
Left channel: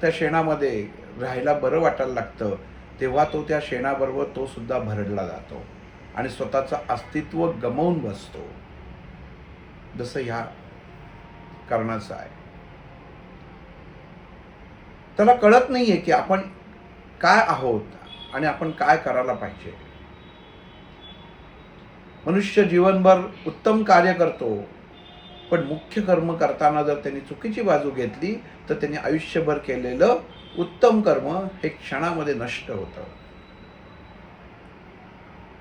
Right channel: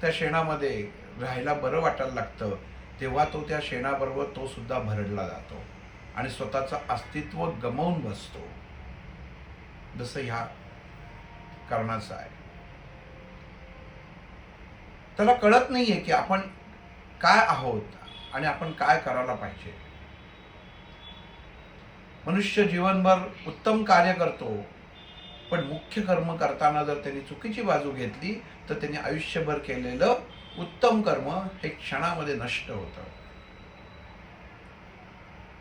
त्या शेणामध्ये राहायला बरं वाटायला लागतं तेव्हा तो त्या शेणाबरोबर तो सुद्धा भरडला जातो आणि स्वतःचं अस्तित्व गमावून बसतो. जसं ह्या कर्णाचं आहे. त्याला कळत नाहीये की आपण काय आहोत आणि आपण काय करायला पाहिजे. मनुष्य जीवनभर उत्तम कार्य करतो पण मुख्य कर्म करताना जर त्यांनी चुकीची बाजू घेतली तर त्यांनी आयुष्यभर केलेलं उत्तम कर्म हे क्षणामध्ये नष्ट होतं.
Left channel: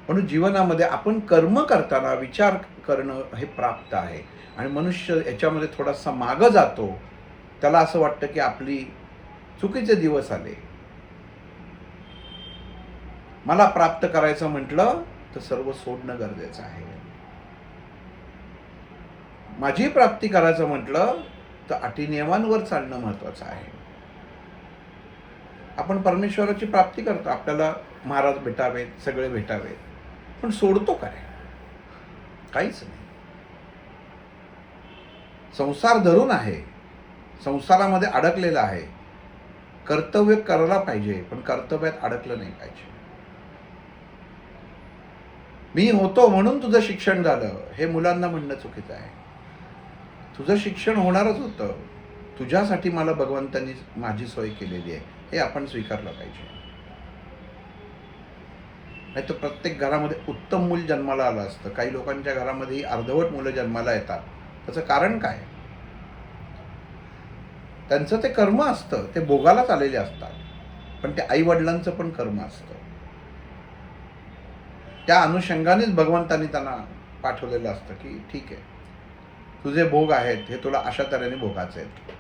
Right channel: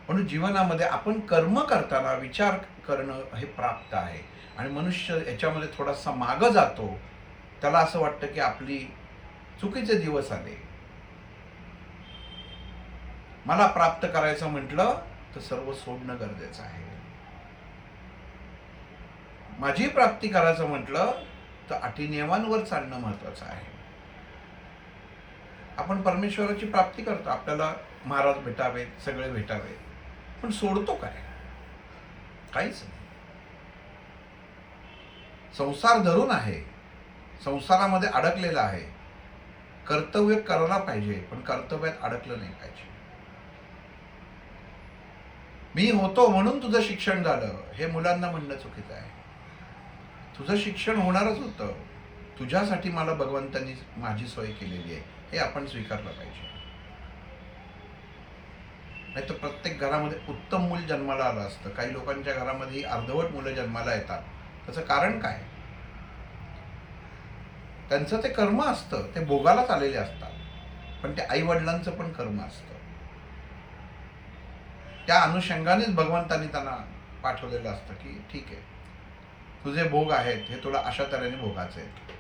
म्हणून जीवनामध्ये आपण कर्म करताना विचार करणं हे प्राप्त आहे आणि मनुष्य याच्यामध्ये थोडासा मागं जातो. त्याला असं वाटतं की आपली चुकीचे दिवस आले. मला प्राप्त करायचं म्हटलं तर सर्व सोडणं गरजेचं आहे. माझी प्राप्ती करायचं म्हटलं तर अटी नियमांवर चालणं महत्वाचं आहे. आपण परमेश्वराची प्राप्ती करतो, आपल्याला महाराज भेटावेत, सगळे भेटावेत, पण सोडतो काय? काहीच नाही. संसार धरून आहे, संसारामध्ये अडकलेला आहे. कर्तव्य करायला पाहिजे पण कर्तव्यात अडकलं नाही पाहिजे. मी होतो म्हणून तुझं शिक्षण झालं हे मुलांना म्हणणं चुकीचं आहे. तुझं शिक्षण होणारच होतं, तुझ्यासाठी मला भगवंतांनी माझी सोय केलेली आहे हे आपण स्वीकारलं पाहिजे. नाही तर प्रत्येक घरामध्ये उत्तम मूल जन्माला आलं असतं. काही लोकांच्या घरामध्ये अर्धवट मुलं जन्माला येतात. त्याचं कारण काय? त्यांचं ते कर्म असतं, ते भोगालाच आलेले असतात, पण ते आई वडिलांचं पण कर्म असतं. त्या अनुषंगानेच भगवंतांनी त्यांना पाठवलेलं असतं की ठीक आहे, तुझे भोग आहेत हे तुला अशा तऱ्हेने भोगाचे आहेत.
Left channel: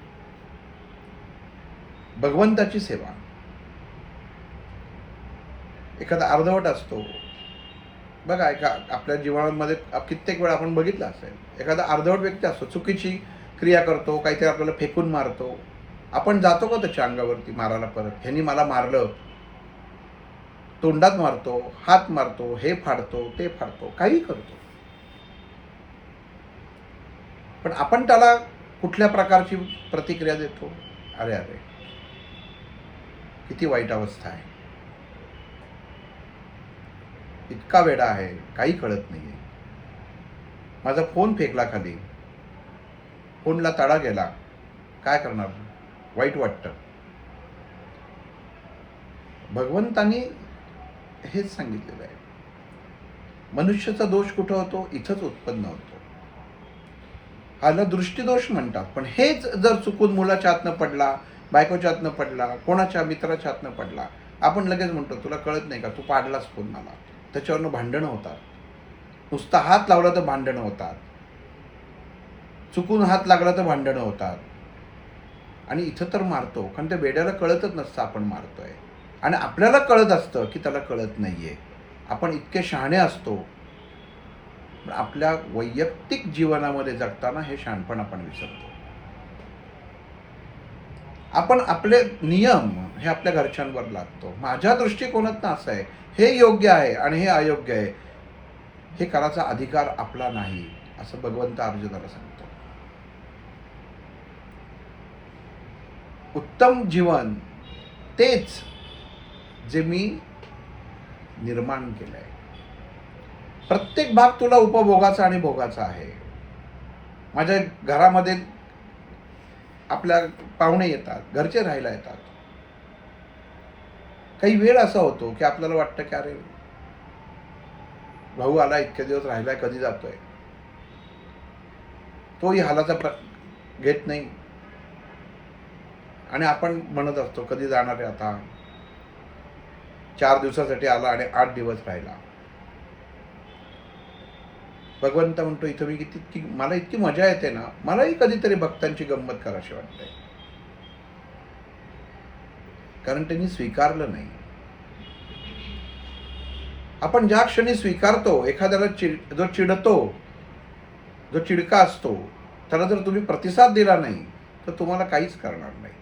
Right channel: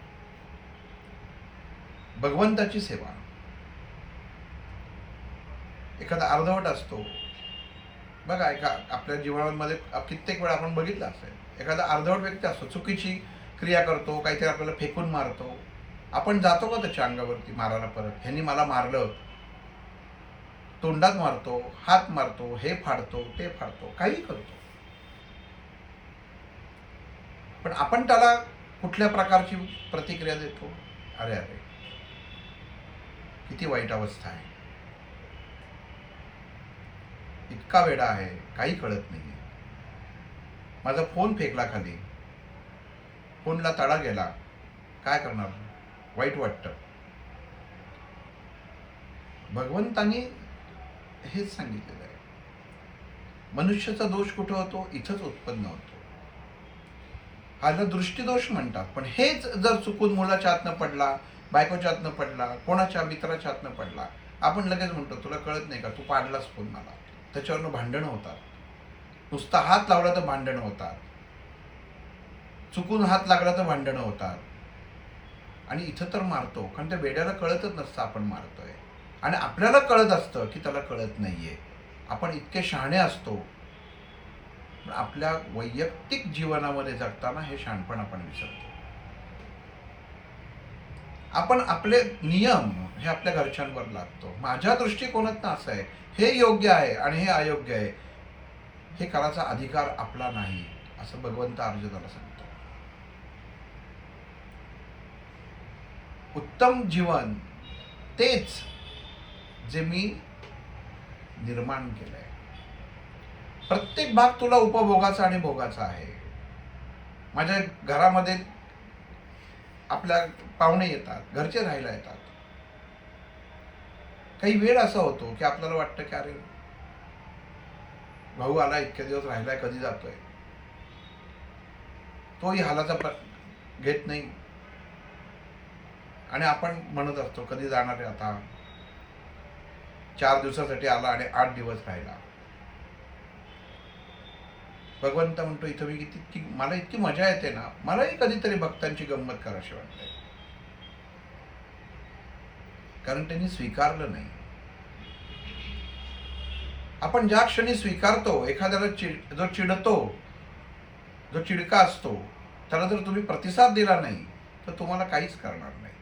भगवंताची सेवा. एखादा अर्धवट असतो बघा, आपल्या जीवनामध्ये कित्येक वेळा आपण बघितलं असेल, एखादा अर्धवट व्यक्ती असतो, चुकीची क्रिया करतो, काहीतरी आपल्याला फेकून मारतो. आपण जातो का त्याच्या अंगावरती मारायला परत? ह्यांनी मला मारलं, तोंडात मारतो, हात मारतो, हे फाडतो, ते फाडतो, काही करतो. पण आपण त्याला कुठल्या प्रकारची प्रतिक्रिया देतो? अरे अरे, किती वाईट अवस्था आहे, इतका वेडा आहे, काही कळत नाहीये. माझा फोन फेकला खाली, फोनला तडा गेला, काय करणार? वाईट वाटतं. भगवंतानी हेच सांगितलेलं आहे. मनुष्याचा दोष कुठं होतो? इथंच उत्पन्न होतो. ह्याला दृष्टीदोष म्हणतात. पण हेच जर चुकून मुलाच्या हातनं पडला, बायकोच्या हातनं पडला, कोणाच्या मित्राच्या हातनं पडला, आपण लगेच म्हणतो तुला कळत नाही का, तू पाडलास फोन मला. त्याच्यावरनं भांडणं होतात. नुसता हात लावला तर भांडणं होतात, चुकून हात लागला तर भांडणं होतात. आणि इथं तर मारतो, कारण त्या बेड्याला कळतच नसतं आपण मारतोय. आणि आपल्याला कळत असतं की त्याला कळत नाहीये. आपण इतके शहाणे असतो, आपल्या वैयक्तिक जीवनामध्ये जगताना हे शहाणपण आपण विसरतो. आपण आपले नियम हे आपल्या घरच्यांवर लादतो. माझ्या दृष्टिकोनातनं असं आहे, हे योग्य आहे आणि हे अयोग्य आहे, हे करायचा अधिकार आपला नाही, असं भगवंत अर्जुनाला सांगतो. उत्तम जीवन तेच जे मी निर्माण केलंय. प्रत्येक भाग तुला उपभोगाचा आणि भोगाचा आहे. माझ्या घरामध्ये आपल्या पाहुणे येतात, घरचे राहायला येतात. काही वेळ असा होतो की आपल्याला वाटतं की अरे भाऊ आला, इतके दिवस राहिलाय, कधी जातोय. तोही हालाचा घेत नाही आणि आपण म्हणत असतो कधी जाणार आहे आता. 4 दिवसासाठी आला आणि 8 दिवस राहिला. भगवंत म्हणतो इथं मी किती मला इतकी मजा येते ना, मलाही कधीतरी भक्तांची गंमत करावी वाटते. कारण त्यांनी स्वीकारलं नाही. आपण ज्या क्षणी स्वीकारतो, एखाद्याला जो चिडतो, जो चिडका असतो, त्याला जर तुम्ही प्रतिसाद दिला नाही तर तुम्हाला काहीच करणार नाही.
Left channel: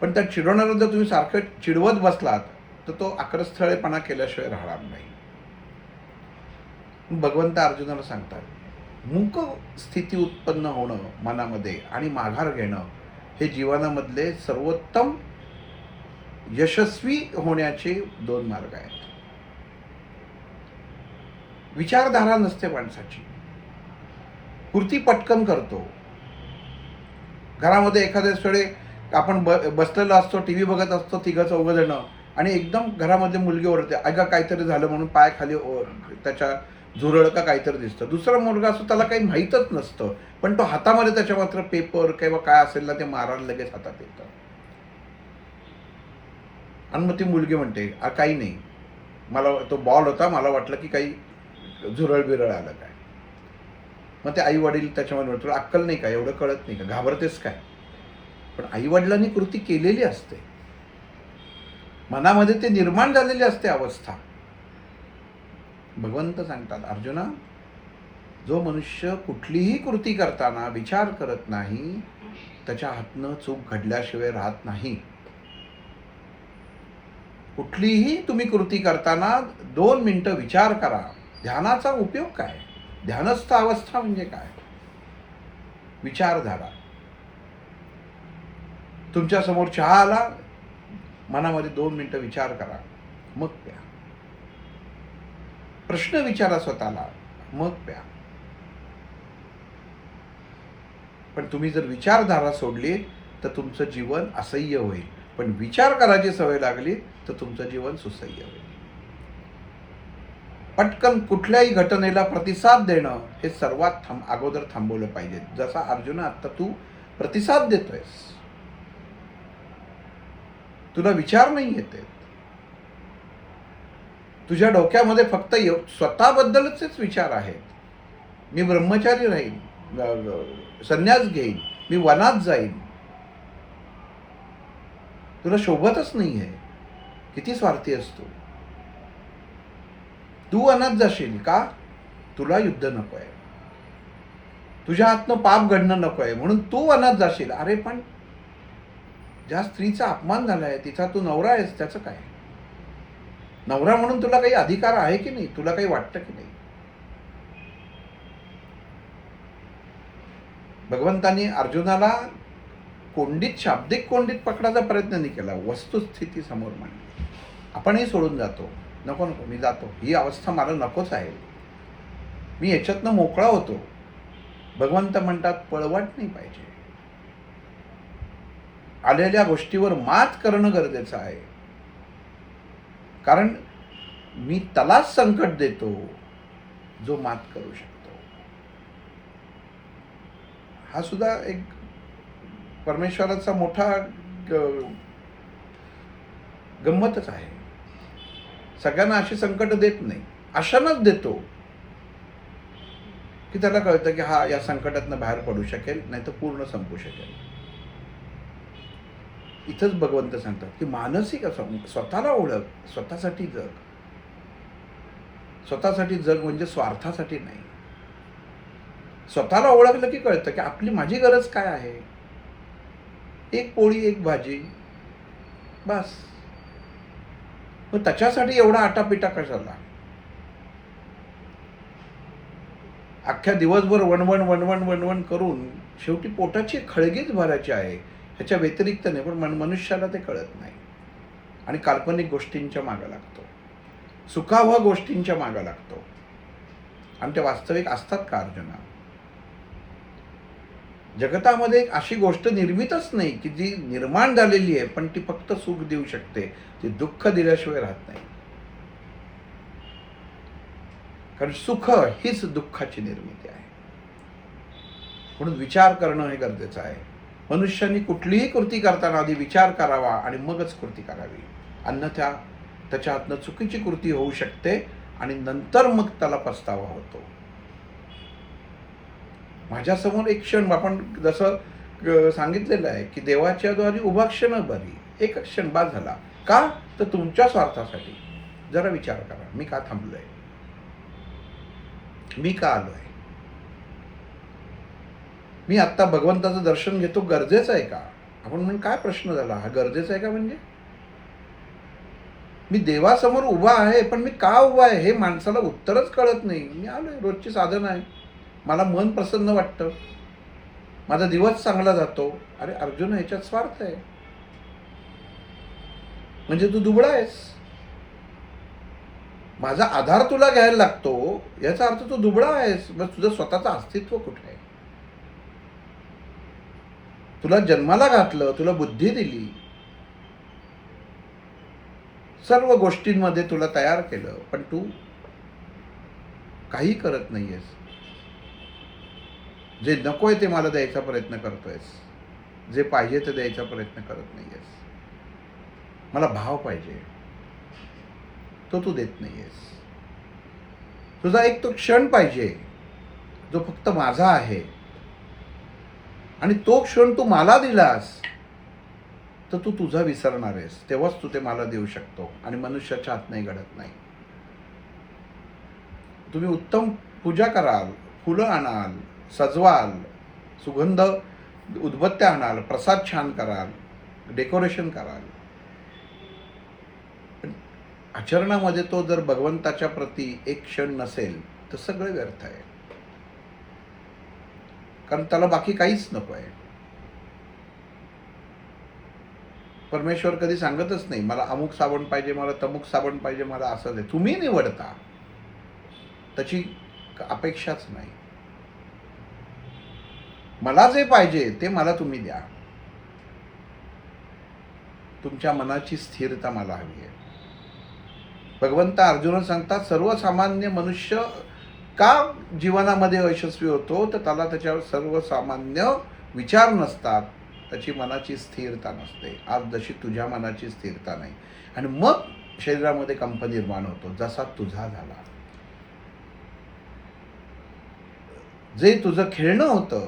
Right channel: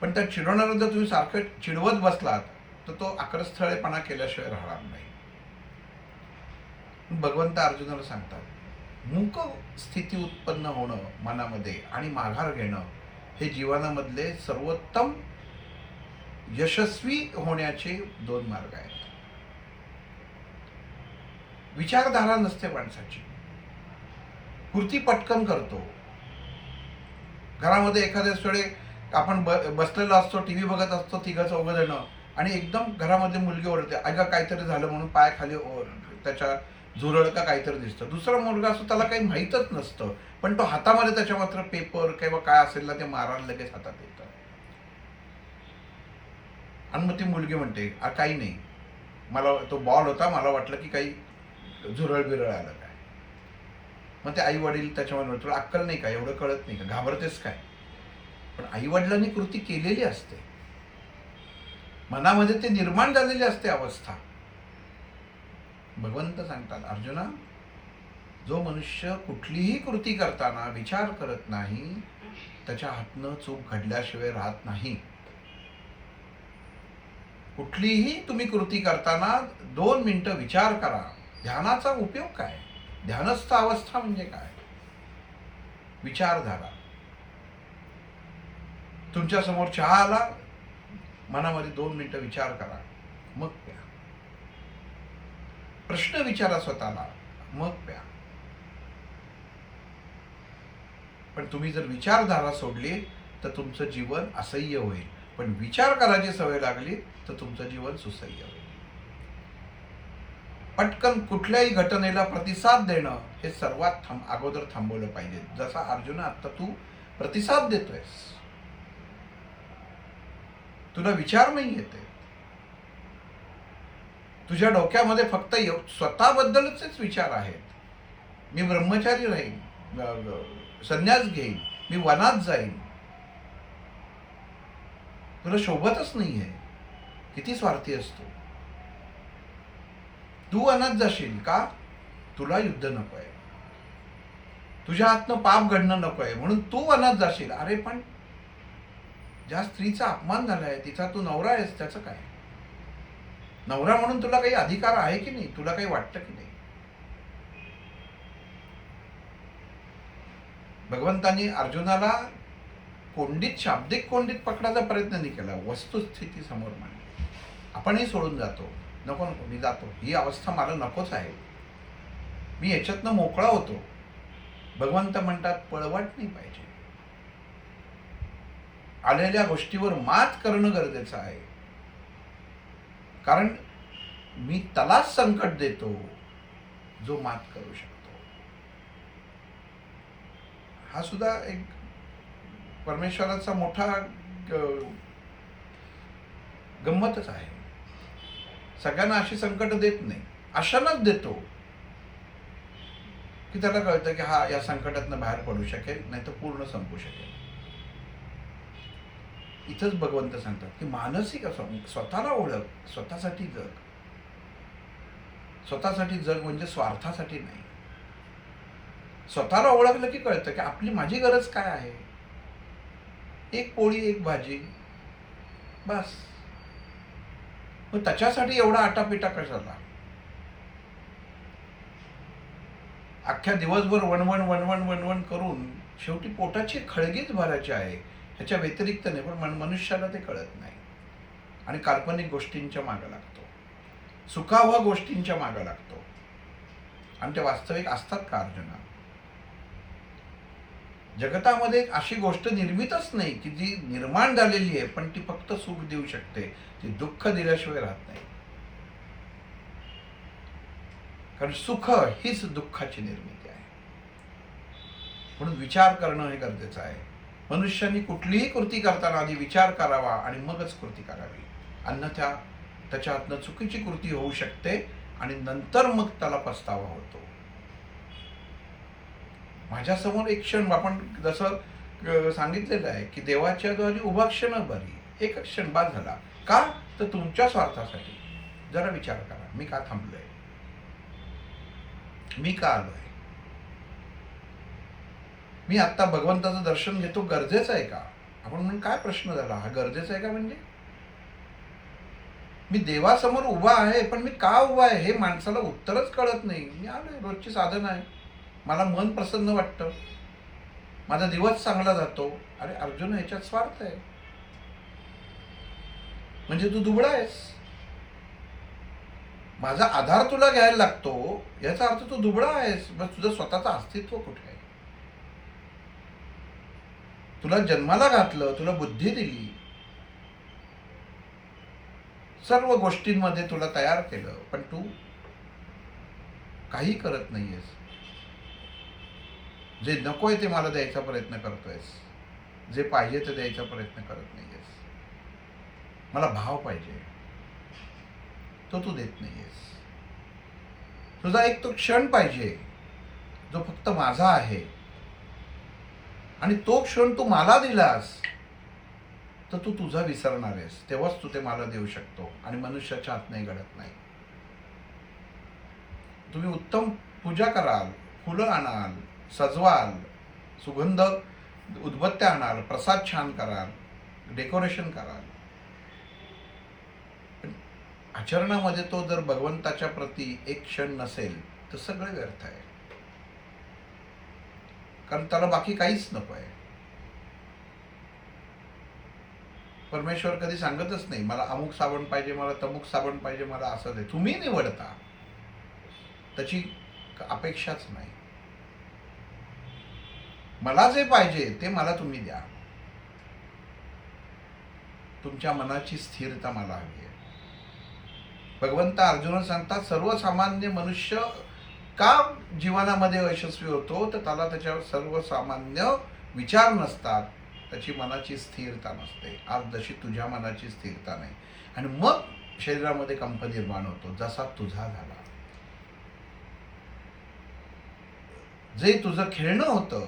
पण त्या चिडवणारा जर तुम्ही सारखं चिडवत बसलात तर तो आक्रस्थळेपणा केल्याशिवाय राहणार नाही. भगवंत अर्जुनाला सांगतात, मूक स्थिती उत्पन्न होणं मनामध्ये आणि माघार घेणं हे जीवनामधले सर्वोत्तम यशस्वी होण्याचे 2 मार्ग आहेत. विचारधारा नसते माणसाची, कृती पटकन करतो. घरामध्ये एखाद्या वेळी आपण बसलेलो असतो, टीव्ही बघत असतो, 3-4 जण, आणि एकदम घरामध्ये मुलगी ओरडते, ऐका काहीतरी झालं म्हणून पाय खाली त्याच्या झुरळ का काहीतरी दिसतं. दुसरा मुलगा असतो, त्याला काही माहीतच नसतं, पण तो हातामध्ये त्याच्या मात्र पेपर किंवा काय असेल ना ते मारायला लगेच हातात येतं. आणि मग ती मुलगी म्हणते काही नाही, मला तो बॉल होता, मला वाटलं की काही झुरळ बिरळ आलं काय. मग ते आई वडील त्याच्यामध्ये तुला अक्कल नाही का, एवढं कळत नाही का, घाबरतेस काय. पण आई वडिलांनी कृती केलेली असते, मनामध्ये ते निर्माण झालेली असते अवस्था. भगवंत सांगतात, अर्जुना, जो मनुष्य कुठलीही कृती करताना विचार करत नाही त्याच्या हातनं चूक घडल्याशिवाय राहत नाही. कुठलीही तुम्ही कृती करताना 2 मिनिटं विचार करा. ध्यानाचा उपयोग काय? ध्यानस्थ अवस्था म्हणजे काय? विचारधारा. तुमच्या समोर चहा आला, मनामध्ये 2 मिनिटं विचार करा, मग प्या. प्रश्न विचारा स्वतःला, मग प्या. पण तुम्ही जर विचारधारा सोडली तर तुमचं जीवन असह्य होईल. पण विचार करायची सवय लागली तर तुमचं जीवन सुसह्य होईल. पटकन कुठल्याही घटनेला प्रतिसाद देणं हे सर्वात अगोदर थांबवलं पाहिजे. जसा अर्जुन आता तू प्रतिसाद देतोयस, तुला विचार नाही येते, तुझ्या डोक्यामध्ये फक्त स्वतःबद्दलच विचार आहेत. मी ब्रह्मचारी राहीन, संन्यास घेईन, मी वनात जाईन. तुला शोभतच नाहीये. किती स्वार्थी असतो. तू वनात जाशील का? तुला युद्ध नकोय, तुझ्या हातनं पाप घडणं नकोय म्हणून तू वनात जाशील. अरे पण ज्या स्त्रीचा अपमान झालाय तिचा तू नवरा आहेस, त्याचं काय? नवरा म्हणून तुला काही अधिकार आहे की नाही? तुला काही वाटतं की नाही? भगवंतांनी अर्जुनाला कोंडीत, शाब्दिक कोंडीत पकडायचा प्रयत्न नाही केला, वस्तुस्थिती समोर मांडली. आपणही सोडून जातो, नको नको मी जातो, ही अवस्था मला नकोच आहे, मी याच्यातनं मोकळा होतो. भगवंत म्हणतात पळवाट नाही पाहिजे. आलेल्या गोष्टीवर मात करणं गरजेचं आहे. कारण मी त्यालाच संकट देतो जो मात करू शकतो. हा सुद्धा एक परमेश्वराचा मोठा गंमतच आहे. सगळ्यांना अशी संकट देत नाही, अशांनाच देतो की त्याला कळतं की हा या संकटातनं बाहेर पडू शकेल, नाही तर पूर्ण संपू शकेल. इथंच भगवंत सांगतात की मानसिक असं स्वतःला ओळख, स्वतःसाठी जग. स्वतःसाठी जग म्हणजे स्वार्थासाठी नाही. स्वतःला ओळखलं की कळतं की माझी गरज काय आहे. एक पोळी, एक भाजी, बस. मग त्याच्यासाठी एवढा आटापिटा कशाला. अख्ख्या दिवसभर वणवण वणवण वणवण करून शेवटी पोटाची खळगीच भरायची आहे, ह्याच्या व्यतिरिक्त नाही. पण मनुष्याला ते कळत नाही आणि काल्पनिक गोष्टींच्या मागे लागतो, सुखावह गोष्टींच्या मागे लागतो. आणि ते वास्तविक असतात का अर्जुना? जगतामध्ये एक अशी गोष्ट निर्मितच नाही की जी निर्माण झालेली आहे पण ती फक्त सुख देऊ शकते, ती दुःख दिल्याशिवाय राहत नाही. कारण सुख हीच दुःखाची निर्मिती आहे. म्हणून विचार करणं हे गरजेचं आहे. मनुष्याने कुठलीही कृती करताना आधी विचार करावा आणि मगच कृती करावी. अन्यथा त्याच्या हातनं चुकीची कृती होऊ शकते आणि नंतर मग त्याला पस्तावा होतो. माझ्यासमोर एक क्षण, आपण जसं सांगितलेलं आहे की देवाच्या द्वारे उभा क्षण बरी, एक क्षण बाद झाला. का? तर तुमच्या स्वार्थासाठी. जरा विचार करा, मी का थांबलोय, मी का आलोय, मी आत्ता भगवंताचं दर्शन घेतो गरजेचं आहे का? आपण म्हणून काय प्रश्न झाला, हा गरजेचा आहे का? म्हणजे मी देवासमोर उभा आहे पण मी का उभा आहे हे माणसाला उत्तरच कळत नाही. मी आलोय, रोजची साधना आहे, मला मन प्रसन्न वाटतं, माझा दिवस चांगला जातो. अरे अर्जुन, ह्याच्यात स्वार्थ आहे म्हणजे तू दुबळा आहेस. माझा आधार तुला घ्यायला लागतो याचा अर्थ तू दुबळा आहेस. बस तुझं स्वतःचं अस्तित्व कुठे आहे? तुला जन्माला घातलं, तुला बुद्धी दिली, सर्व गोष्टींमध्ये तुला तयार केलं, पण तू काही करत नाहीयेस. जे नकोय ते मला द्यायचा प्रयत्न करतोयस, जे पाहिजे ते द्यायचा प्रयत्न करत नाहीयेस. मला भाव पाहिजे, तो तू देत नाहीयेस. तुझा एक तो क्षण पाहिजे जो फक्त माझा आहे, आणि तो क्षण तू मला दिलास तर तू तुझा विसरणार आहेस, तेव्हाच तू ते मला देऊ शकतो. आणि मनुष्याच्या हात नाही घडत नाही. तुम्ही उत्तम पूजा कराल, फुलं आणाल, सजवाल, सुगंध उदबत्त्या आणाल, प्रसाद छान कराल, डेकोरेशन कराल, पण आचरणामध्ये तो जर भगवंताच्या प्रती एक क्षण नसेल तर सगळं व्यर्थ आहे. कारण त्याला बाकी काहीच नको आहे. परमेश्वर कधी सांगतच नाही मला अमुक साबण पाहिजे, मला तमुक साबण पाहिजे, मला असं दे. तुम्ही निवडता, त्याची अपेक्षाच नाही. मला जे पाहिजे ते मला तुम्ही द्या. तुमच्या मनाची स्थिरता मला हवी आहे. भगवंत अर्जुन सांगतात सर्वसामान्य मनुष्य का जीवनामध्ये यशस्वी होतो, तर त्याला त्याच्यावर सर्वसामान्य विचार नसतात, त्याची मनाची स्थिरता नसते. आज जशी तुझ्या मनाची स्थिरता नाही, आणि मग शरीरामध्ये कंप निर्माण होतो, जसा तुझा झाला. जे तुझं खेळणं होतं,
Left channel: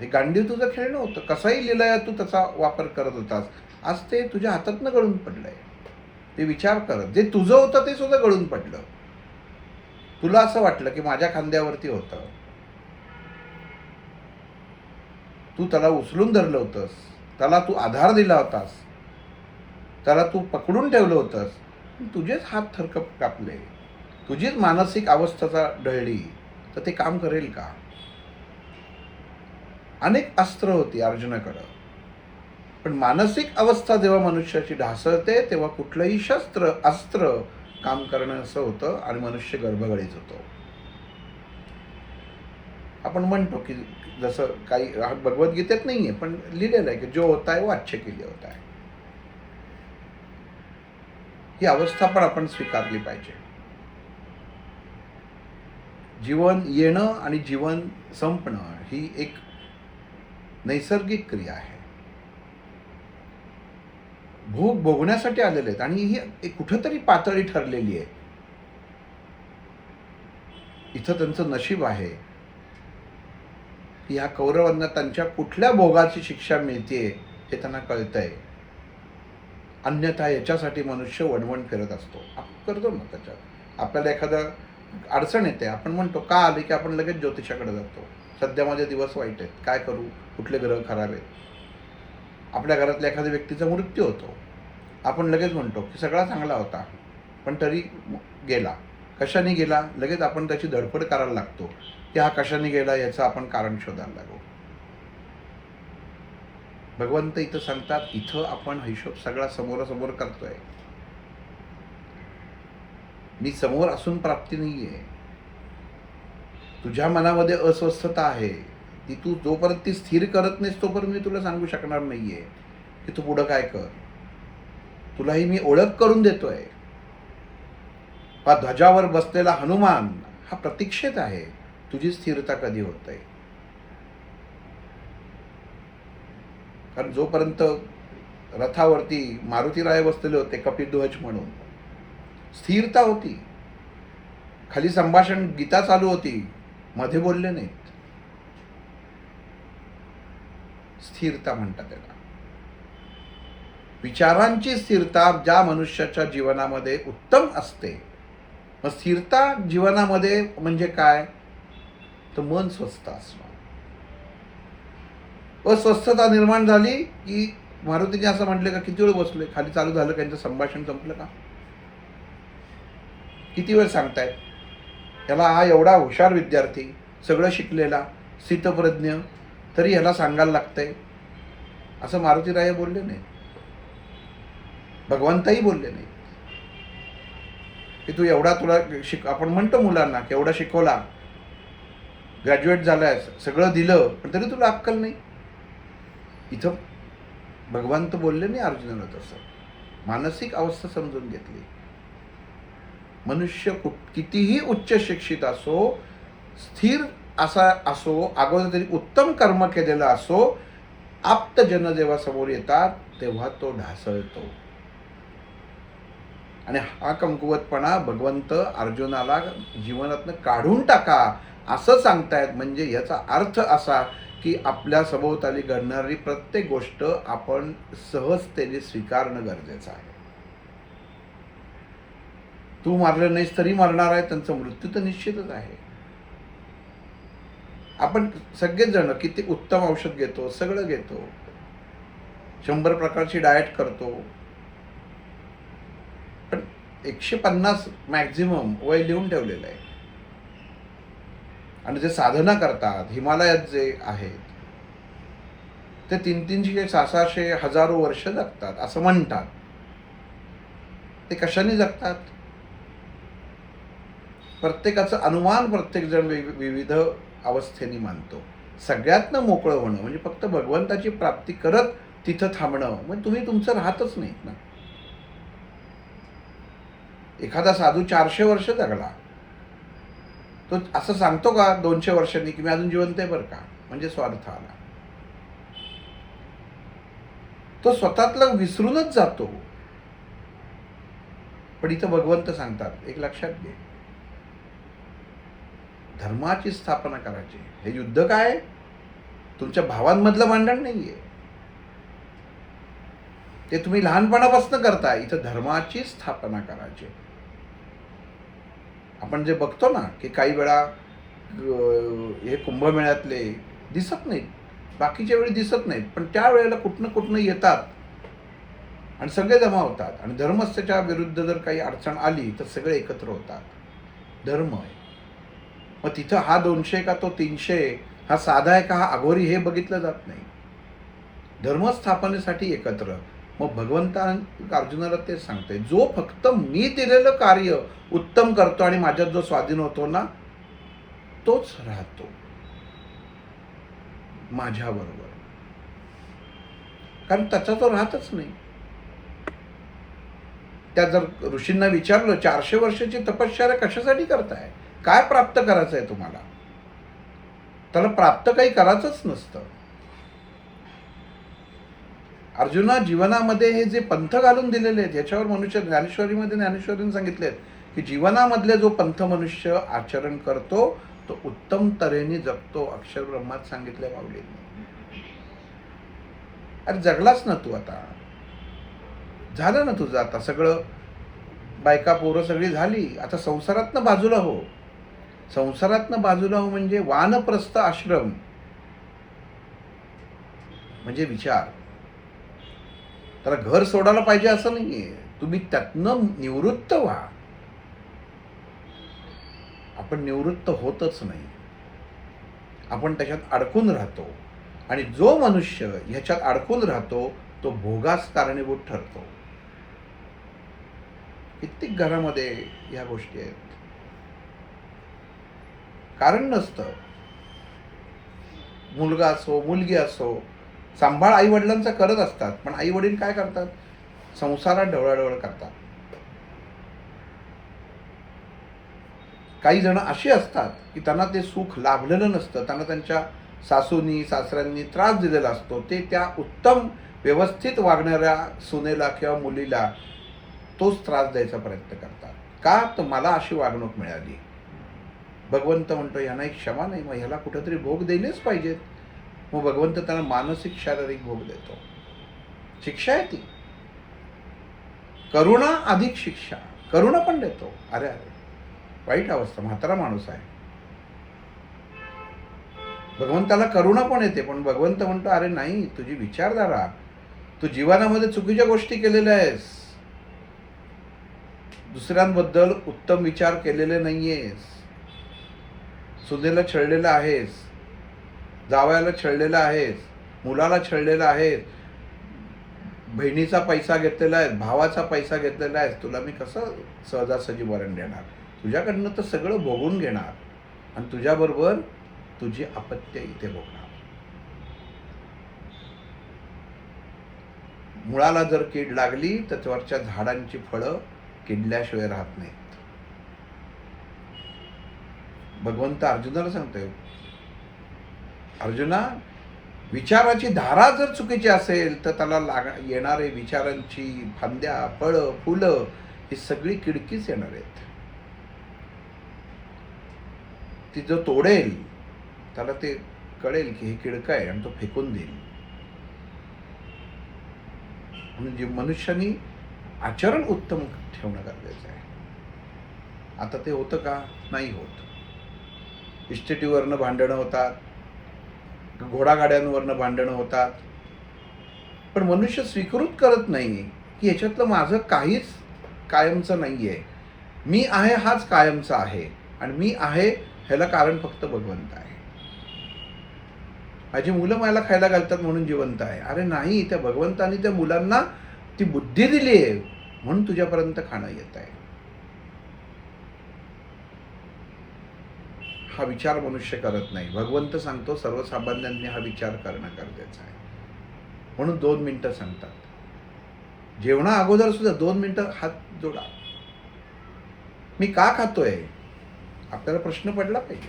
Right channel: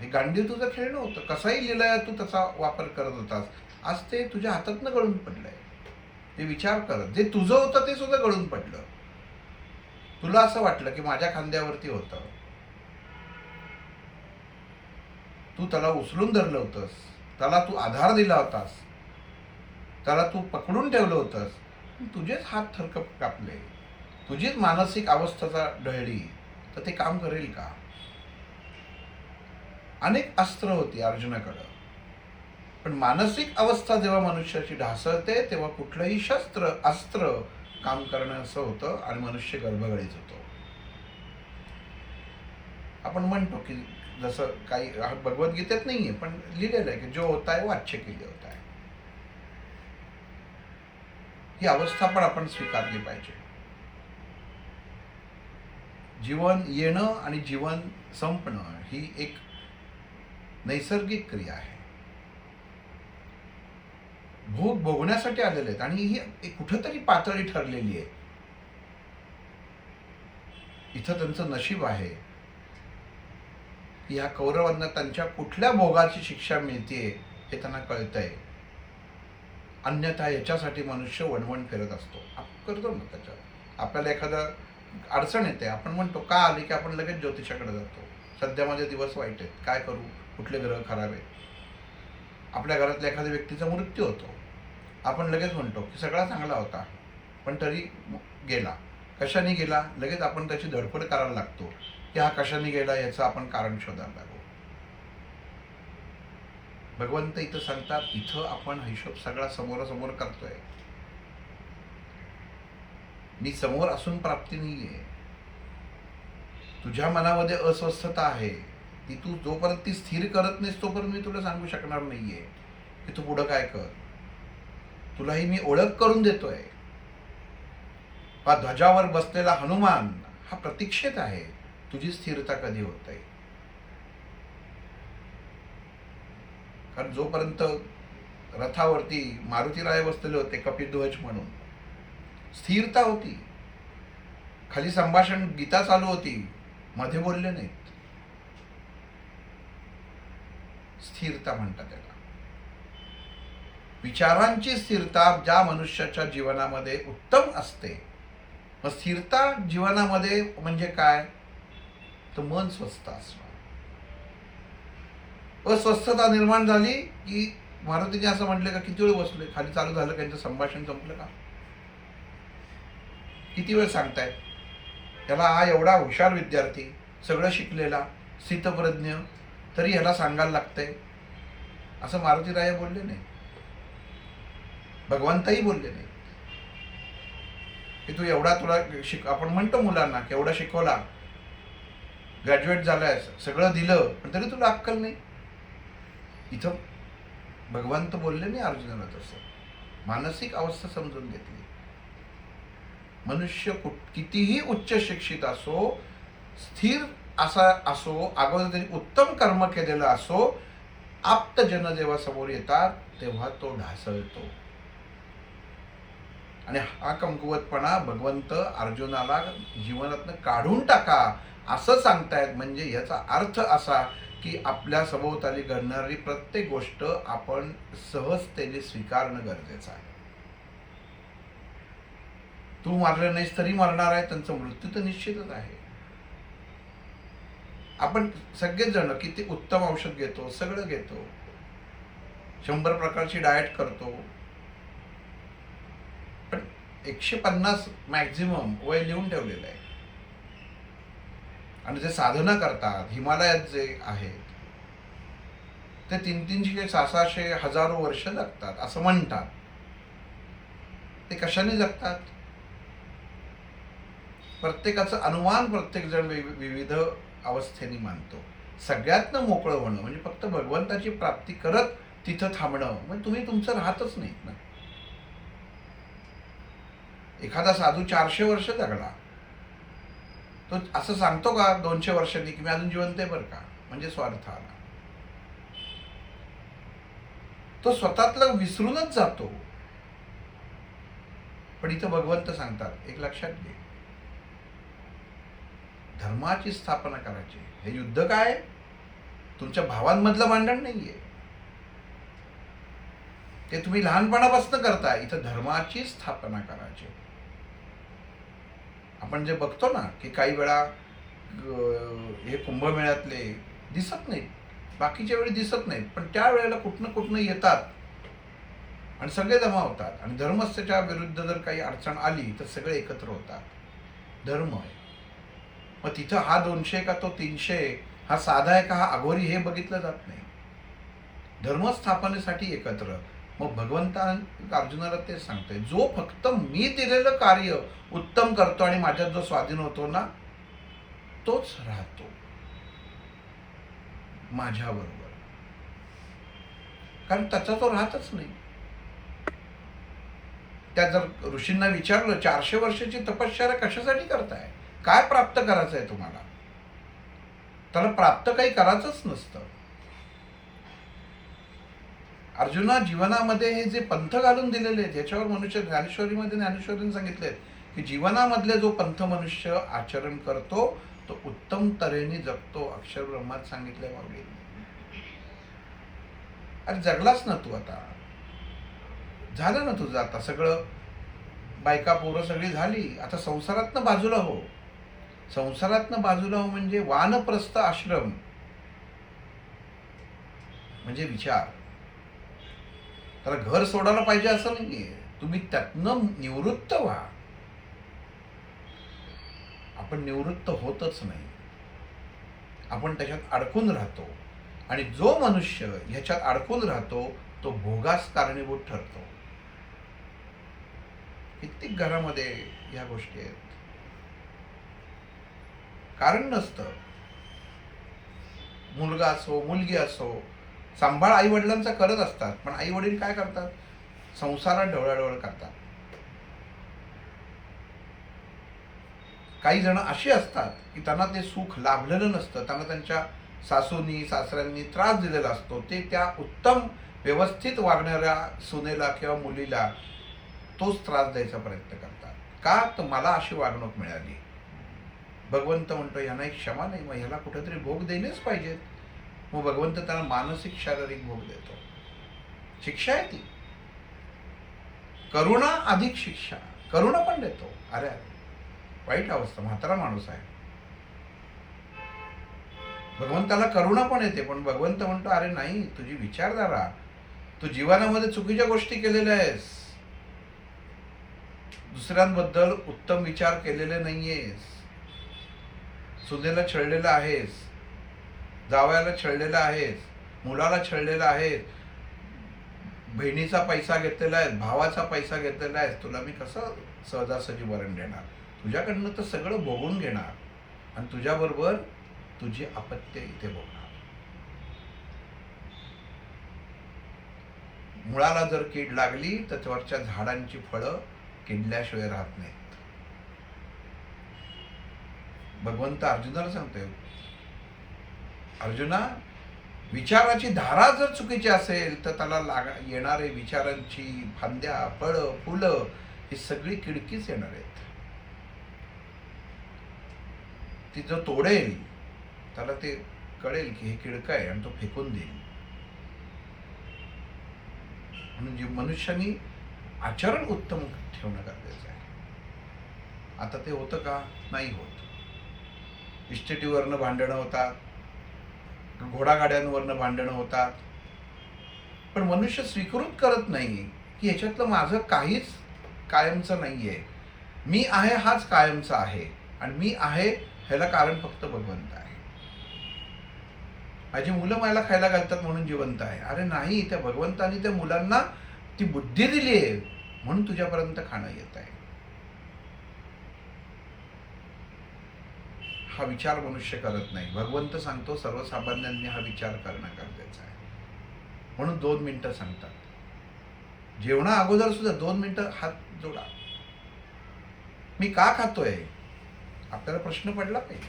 हे गांडीव तुझं खेळणं होतं, कसाही लिलाया तू त्याचा वापर करत होतास, आज ते तुझ्या हातातनं गळून पडलंय. ते विचार कर, जे तुझं होतं ते सुद्धा गळून पडलं. तुला असं वाटलं की माझ्या खांद्यावरती होतं, तू त्याला उचलून धरलं होतंस, त्याला तू आधार दिला होतास, त्याला तू पकडून ठेवलं होतंस, तुझेच हात थरकप कापले, तुझीच मानसिक अवस्था ढळली, तर ते काम करेल का? अनेक अस्त्र होती अर्जुनाकडं, पण मानसिक अवस्था जेव्हा मनुष्याची ढासळते तेव्हा कुठलंही शस्त्र अस्त्र काम करणं असं होतं आणि मनुष्य गर्भगळीत होतो. आपण म्हणतो की जसं काही भगवद्गीतेत नाहीये पण लिहिलेलं आहे की जो होता है वो अच्छे के लिए होता है. ही अवस्था पण आपण स्वीकारली पाहिजे. जीवन येणं आणि जीवन संपणं ही एक नैसर्गिक क्रिया आहे. भोग भोगण्यासाठी आलेले आहेत आणि ही एक कुठंतरी पातळी ठरलेली आहे. इथं त्यांचं नशीब आहे की ह्या कौरवांना त्यांच्या कुठल्या भोगाची शिक्षा मिळते हे त्यांना कळतंय. अन्यथा याच्यासाठी मनुष्य वणवण करत असतो. आपण करतो ना, त्याच्यात आपल्याला एखादं अडचण येते, आपण म्हणतो का आली की आपण लगेच ज्योतिषाकडे जातो. सध्या माझे दिवस वाईट आहेत, काय करू, कुठले ग्रह खराब आहेत. आपल्या घरातल्या एखाद्या व्यक्तीचा मृत्यू होतो, आपण लगेच म्हणतो की सगळा चांगला होता पण तरी गेला. कशाने गेला, लगेच आपण त्याची धडपड करायला लागतो की हा कशाने गेला याचं आपण कारण शोधायला लागू. भगवंत इथं सांगतात, इथं आपण हिशोब सगळा समोरासमोर करतोय. मी समोर असून प्राप्ती नाहीये. तुझ्या मनामध्ये अस्वस्थता आहे, ती तू जोपर्यंत ती स्थिर करत नाहीस तोपर्यंत मी तुला सांगू शकणार नाहीये की तू पुढं काय कर. तुलाही मी ओळख करून देतोय. हा ध्वजावर बसलेला हनुमान हा प्रतीक्षेत आहे तुझी स्थिरता कधी होते. कारण जोपर्यंत रथावरती मारुतीराय बसलेले होते कपिध्वज म्हणून, स्थिरता होती. खाली संभाषण गीता चालू होती, मध्ये बोलले नाहीत. स्थिरता म्हणतात त्याला. विचारांची स्थिरता ज्या मनुष्याच्या जीवनामध्ये उत्तम असते. मग स्थिरता जीवनामध्ये म्हणजे काय, तर मन स्वस्थ असणं. अस्वस्थता निर्माण झाली की मारुतीने असं म्हटले का किती वेळ बसले, खाली चालू झालं त्यांचं संभाषण संपलं का, किती वेळ सांगतायत. याला हा एवढा हुशार विद्यार्थी, सगळं शिकलेला, स्थितप्रज्ञ, तरी याला सांगायला लागतंय असं मारुतीराय बोलले नाही. भगवंतही बोलले नाही की तू एवढा तुला आपण म्हणतो मुलांना की एवढा शिकवला, ग्रॅज्युएट झालायस, सगळं दिलं, पण तरी तुला अक्कल नाही. इथं भगवंत बोलले नाही अर्जुनाला तसं. मानसिक अवस्था समजून घेतली. मनुष्य कितीही उच्च शिक्षित असो, स्थिर असा असो, अगोदर तरी उत्तम कर्म केलेला असो, आप्तजन जेव्हा समोर येतात तेव्हा तो ढासळतो. आणि हा कमकुवतपणा भगवंत अर्जुनाला जीवनातनं काढून टाका असं सांगतायत. म्हणजे याचा अर्थ असा की आपल्या सभोवताली घडणारी प्रत्येक गोष्ट आपण सहजतेने स्वीकारणं गरजेचं आहे. तू मारलं नाहीस तरी मरणार आहे, त्यांचा मृत्यू तर निश्चितच आहे. आपण सगळेच जण किती उत्तम औषध घेतो, सगळं घेतो, 100 प्रकारची डाएट करतो, पण 150 मॅक्झिमम वय लिहून ठेवलेलं आहे. आणि जे साधना करतात हिमालयात जे आहेत ते 300, 600, हजारो वर्ष जगतात असं म्हणतात. ते कशाने जगतात, प्रत्येकाचं अनुमान प्रत्येक जण विविध अवस्थेने मानतो. सगळ्यातनं मोकळं होणं म्हणजे फक्त भगवंताची प्राप्ती करत तिथं थांबणं, मग तुम्ही तुमचं राहतच नाहीत ना. एखादा साधू 400 वर्ष जगला, तो असं सांगतो का 200 वर्षांनी की मी अजून जिवंत आहे बरं का, म्हणजे स्वार्थ आला. तो स्वतःतलं विसरूनच जातो. पण इथं भगवंत सांगतात एक लक्षात घे, धर्माची स्थापना करायची. हे युद्ध काय तुमच्या भावांमधलं भांडण नाहीये, ते तुम्ही लहानपणापासून करताय. इथं धर्माची स्थापना करायची. आपण जे बघतो ना की काही वेळा हे कुंभमेळ्यातले दिसत नाहीत, बाकीच्या वेळी दिसत नाहीत, पण त्या वेळेला कुठनं येतात आणि सगळे जमा होतात. आणि धर्मस्थाच्या विरुद्ध जर काही अडचण आली तर सगळे एकत्र होतात. धर्म आहे. मग तिथं हा 200 का तो 300, हा साधा आहे का हा अघोरी, हे बघितलं जात नाही. धर्मस्थापनेसाठी एकत्र. मग भगवंता अर्जुनाला तेच सांगतोय, जो फक्त मी दिलेलं कार्य उत्तम करतो आणि माझ्यात जो स्वाधीन होतो ना तोच राहतो माझ्याबरोबर. कारण त्याचा तो राहतच नाही. त्या जर ऋषींना विचारलं 400 वर्षाची तपश्चर्या कशासाठी करताय, काय प्राप्त करायचं आहे तुम्हाला? त्याला प्राप्त काही करायचंच नसतं. अर्जुना, जीवनामध्ये हे जे पंथ घालून दिलेले आहेत याच्यावर मनुष्य, ज्ञानेश्वरीने सांगितलेत की जीवनामधले जो पंथ मनुष्य आचरण करतो तो उत्तम तऱ्हेने जगतो. अक्षर ब्रह्मात सांगितलंय माऊलींनी. अरे जगलाच ना तू, आता झालं ना तुझं, आता सगळं बायका पोरं सगळी झाली, आता संसारातनं बाजूला हो. संसारातनं बाजूला हो म्हणजे वानप्रस्थ आश्रम म्हणजे विचार. त्याला घर सोडायला पाहिजे असं नाहीये, तुम्ही त्यातनं निवृत्त व्हा. आपण निवृत्त होतच नाही, आपण त्याच्यात अडकून राहतो. आणि जो मनुष्य ह्याच्यात अडकून राहतो तो भोगास कारणीभूत ठरतो. कित्येक घरामध्ये ह्या गोष्टी आहेत, कारण नसतं. मुलगा असो मुलगी असो, सांभाळ आई वडिलांचा करत असतात, पण आई वडील काय करतात? संसारात ढवळाढवळ करतात. काही जण अशी असतात की त्यांना ते सुख लाभलेलं नसतं, त्यांना त्यांच्या सासूनी सासऱ्यांनी त्रास दिलेला असतो. ते त्या उत्तम व्यवस्थित वागणाऱ्या सुनेला किंवा मुलीला तोच त्रास द्यायचा प्रयत्न करतात. का? तर मला अशी वागणूक मिळाली. भगवंत म्हणतो यांना एक क्षमा नाही, मग ह्याला कुठेतरी भोग दिलेच पाहिजेत. मग भगवंत त्यांना मानसिक शारीरिक भोग देतो. शिक्षा आहे ती. करुणा अधिक शिक्षा, करुणा पण देतो. अरे अरे वाईट अवस्था, म्हातारा माणूस आहे, भगवंताला करुणा पण येते, पण भगवंत म्हणतो अरे नाही, तुझी विचारधारा, तू जीवनामध्ये चुकीच्या गोष्टी केलेल्या आहेस, दुसऱ्यांबद्दल उत्तम विचार केलेले नाहीयेस, सुनेला छळलेला आहेस, जावयाला छळलेला आहेस, मुलाला छळलेला आहेस, बहिणीचा पैसा घेतलेला आहे, भावाचा पैसा घेतलेला आहे, तुला मी कसं सहजासहजी वरण देणार? तुझ्याकडनं तर सगळं भोगून घेणार आणि तुझ्याबरोबर तुझी अपत्य इथे भोगणार. मुळाला जर कीड लागली तर त्यावरच्या झाडांची फळं किडल्याशिवाय राहत नाहीत. भगवंत अर्जुनाला सांगतोय, अर्जुना, विचाराची धारा जर चुकीची असेल तर त्याला येणारे विचारांची फांद्या, फळं, फुलं ही सगळी किडकीच येणार आहेत. ती जो तोडेल त्याला ते कळेल की हे किडकं आहे आणि तो फेकून देईल. म्हणजे मनुष्यानी आचरण उत्तम ठेवणं गरजेचं आहे. आता ते होतं का? नाही होत. इस्टेटीवरनं भांडणं होतात, घोडागाड्यांवरनं भांडणं होतात, पण मनुष्य स्वीकृत करत नाही की याच्यातलं माझं काहीच कायमचं नाहीये. मी आहे हाच कायमचा आहे आणि मी आहे ह्याला कारण फक्त भगवंत आहे. माझी मुलं मला खायला घालतात म्हणून जिवंत आहे. अरे नाही, त्या भगवंतानी त्या मुलांना ती बुद्धी दिली आहे म्हणून तुझ्यापर्यंत खाणं येत आहे. हा विचार मनुष्य करत नाही. भगवंत सांगतो सर्वसामान्यांनी हा विचार करणं गरजेचं आहे. म्हणून 2 मिनिटं सांगतात. जेवणा अगोदर सुद्धा 2 मिनिटं हात जोडा. मी का खातोय? आपल्याला प्रश्न पडला पाहिजे.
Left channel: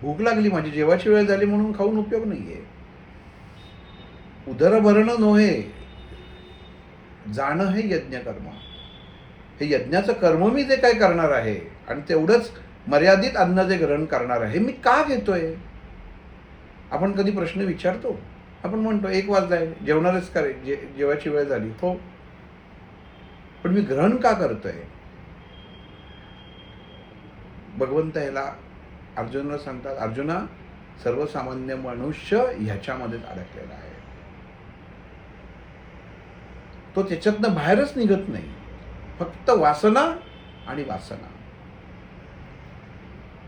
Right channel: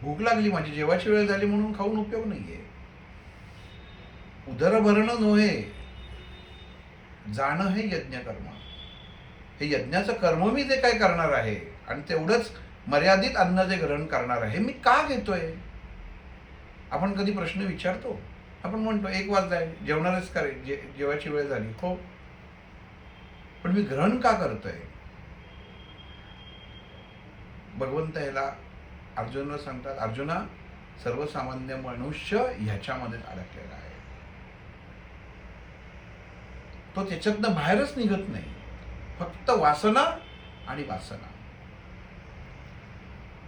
भूक लागली, माझी जेवायची वेळ झाली म्हणून खाऊन उपयोग नाहीये. उदर भरणं नव्हे, जाणं हे यज्ञ कर्म. हे यज्ञाचं कर्म मी जे काय करणार आहे आणि तेवढंच मर्यादित अन्न जे ग्रहण करणार आहे, मी का घेतोय? आपण कधी प्रश्न विचारतो? आपण म्हणतो 1 वाजलाय, जेवणारच का रे? जेवायची वेळ झाली. हो, पण मी ग्रहण का करतोय? भगवंत ह्याला अर्जुनाला सांगतात, अर्जुना, सर्वसामान्य मनुष्य ह्याच्यामध्येच अडकलेला आहे. तो त्याच्यातनं बाहेरच निघत नाही. फक्त वासना आणि वासना,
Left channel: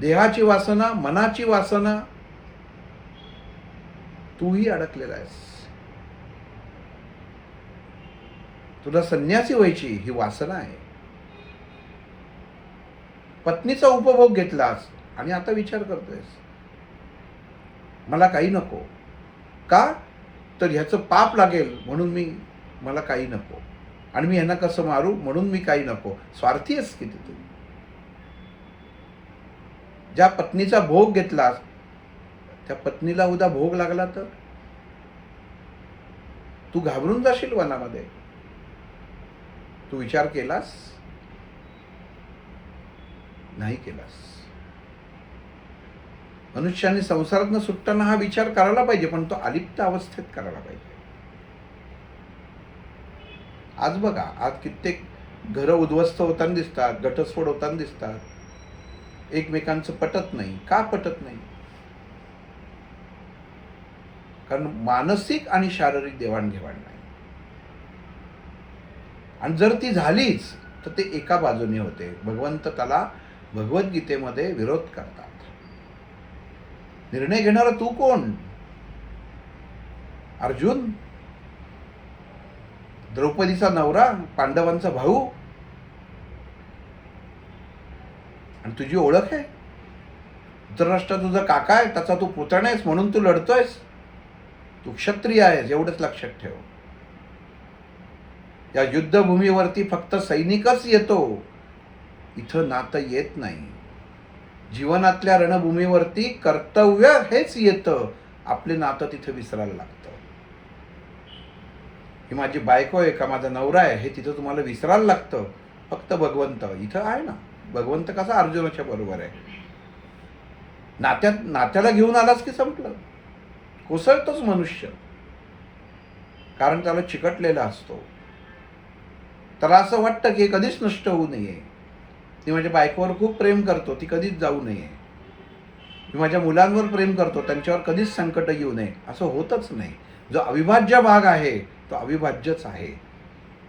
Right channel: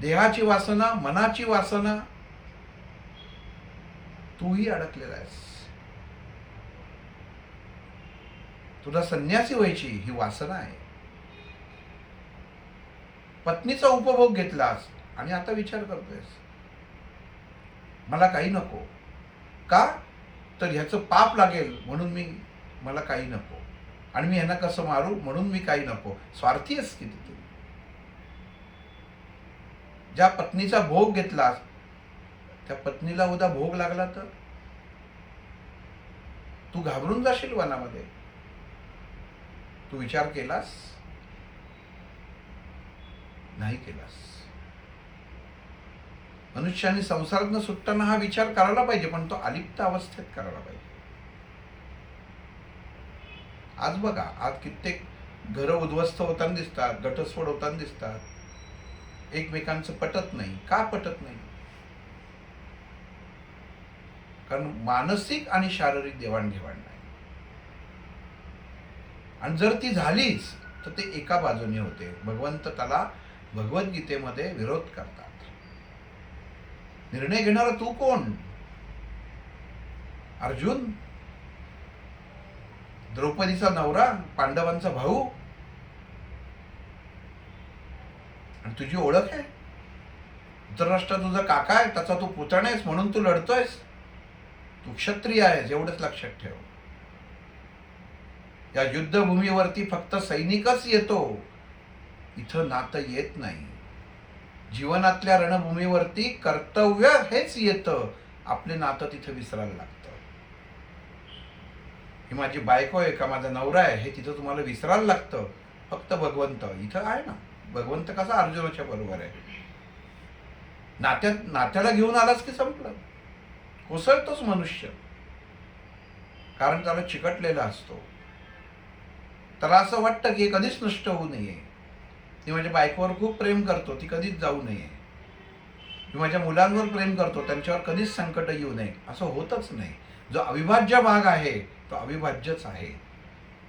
देहाची वासना, मनाची वासना, तूही अडकलेला आहेस. तुला संन्यासी व्हायची ही वासना आहे. पत्नीचा उपभोग घेतलास आणि आता विचार करतोयस मला काही नको. का? तर ह्याचं पाप लागेल म्हणून मला काही नको, आणि मी ह्यांना कसं मारू म्हणून मी काही नको. स्वार्थी आहेस किती तू. ज्या पत्नीचा भोग घेतलास त्या पत्नीला उद्या भोग लागला तर तू घाबरून जाशील वनामध्ये. तू विचार केलास? नाही केलास. मनुष्याने संसारातनं सुटताना हा विचार करायला पाहिजे, पण तो अलिप्त अवस्थेत करायला पाहिजे. आज बघा, आज कित्येक घरं उद्ध्वस्त होताना दिसतात, घटस्फोट होताना दिसतात. एकमेकांचं पटत नाही. का पटत नाही? कारण मानसिक आणि शारीरिक देवाणघेवाण नाही. आणि जर ती झालीच तर ते एका बाजूने होते. भगवंत त्याला भगवद्गीतेमध्ये विरोध करतात. निर्णय घेणारा तू कोण? अर्जुन? द्रौपदीचा नवरा? पांडवांचा भाऊ? आणि तुझी ओळख आहे? धृतराष्ट्र तुझा काका आहे, त्याचा तू पुतणा आहेस म्हणून तू लढतोयस? तू क्षत्रिय आहेस एवढंच लक्षात ठेव. या युद्धभूमीवरती फक्त सैनिकच येतो, इथं नातं येत नाही. जीवनातल्या रणभूमीवरती कर्तव्य हेच येतं, आपले नातं तिथं विसरायला लागतं. ही माझी बायको आहे का माझा नवरा आहे हे तिथं तुम्हाला विसरायला लागतं. फक्त भगवंत इथं आहे ना. भगवंत कसा अर्जुनाच्या बरोबर आहे. नात्याला घेऊन आलास की संपलं. कोसळतोच मनुष्य, कारण त्याला चिकटलेला असतो. त्याला असं वाटतं की कधीच नष्ट होऊ नये. ती माझ्या बायकोवर खूप प्रेम करतो, ती कधीच जाऊ नये. मी माझ्या मुलांवर प्रेम करतो, त्यांच्यावर कधीच संकट येऊ नये. असं होतच नाही. जो अविभाज्य भाग आहे तो अविभाज्यच आहे.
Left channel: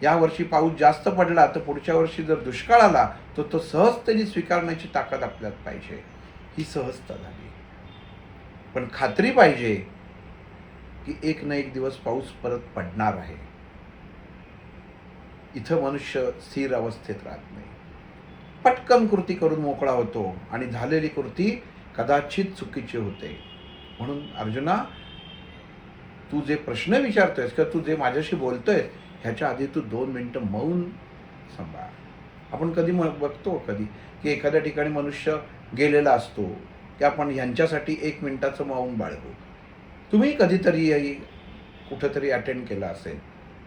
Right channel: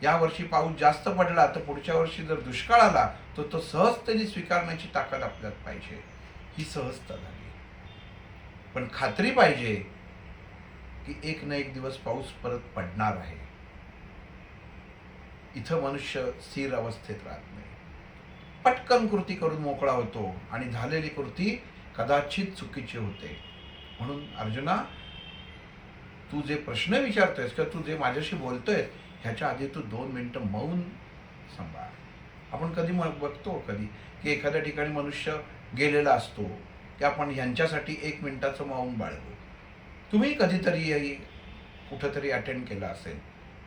या वर्षी पाऊस जास्त पडला तर पुढच्या वर्षी जर दुष्काळ आला तर तो सहजतेने स्वीकारण्याची ताकद आपल्यात पाहिजे. ही सहजता झाली. पण खात्री पाहिजे की एक ना एक दिवस पाऊस परत पडणार आहे. इथं मनुष्य स्थिर अवस्थेत राहत नाही. पटकन कृती करून मोकळा होतो आणि झालेली कृती कदाचित चुकीची होते. म्हणून अर्जुना, तू जे प्रश्न विचारतोयस किंवा तू जे माझ्याशी बोलतोय ह्याच्या आधी तू 2 मिनिटं मौन सांभाळ. आपण कधी बघतो कधी की एखाद्या ठिकाणी मनुष्य गेलेला असतो की आपण ह्यांच्यासाठी 1 मिनिटाचं मौन बाळगू. तुम्ही कधीतरी कुठंतरी अटेंड केला असेल,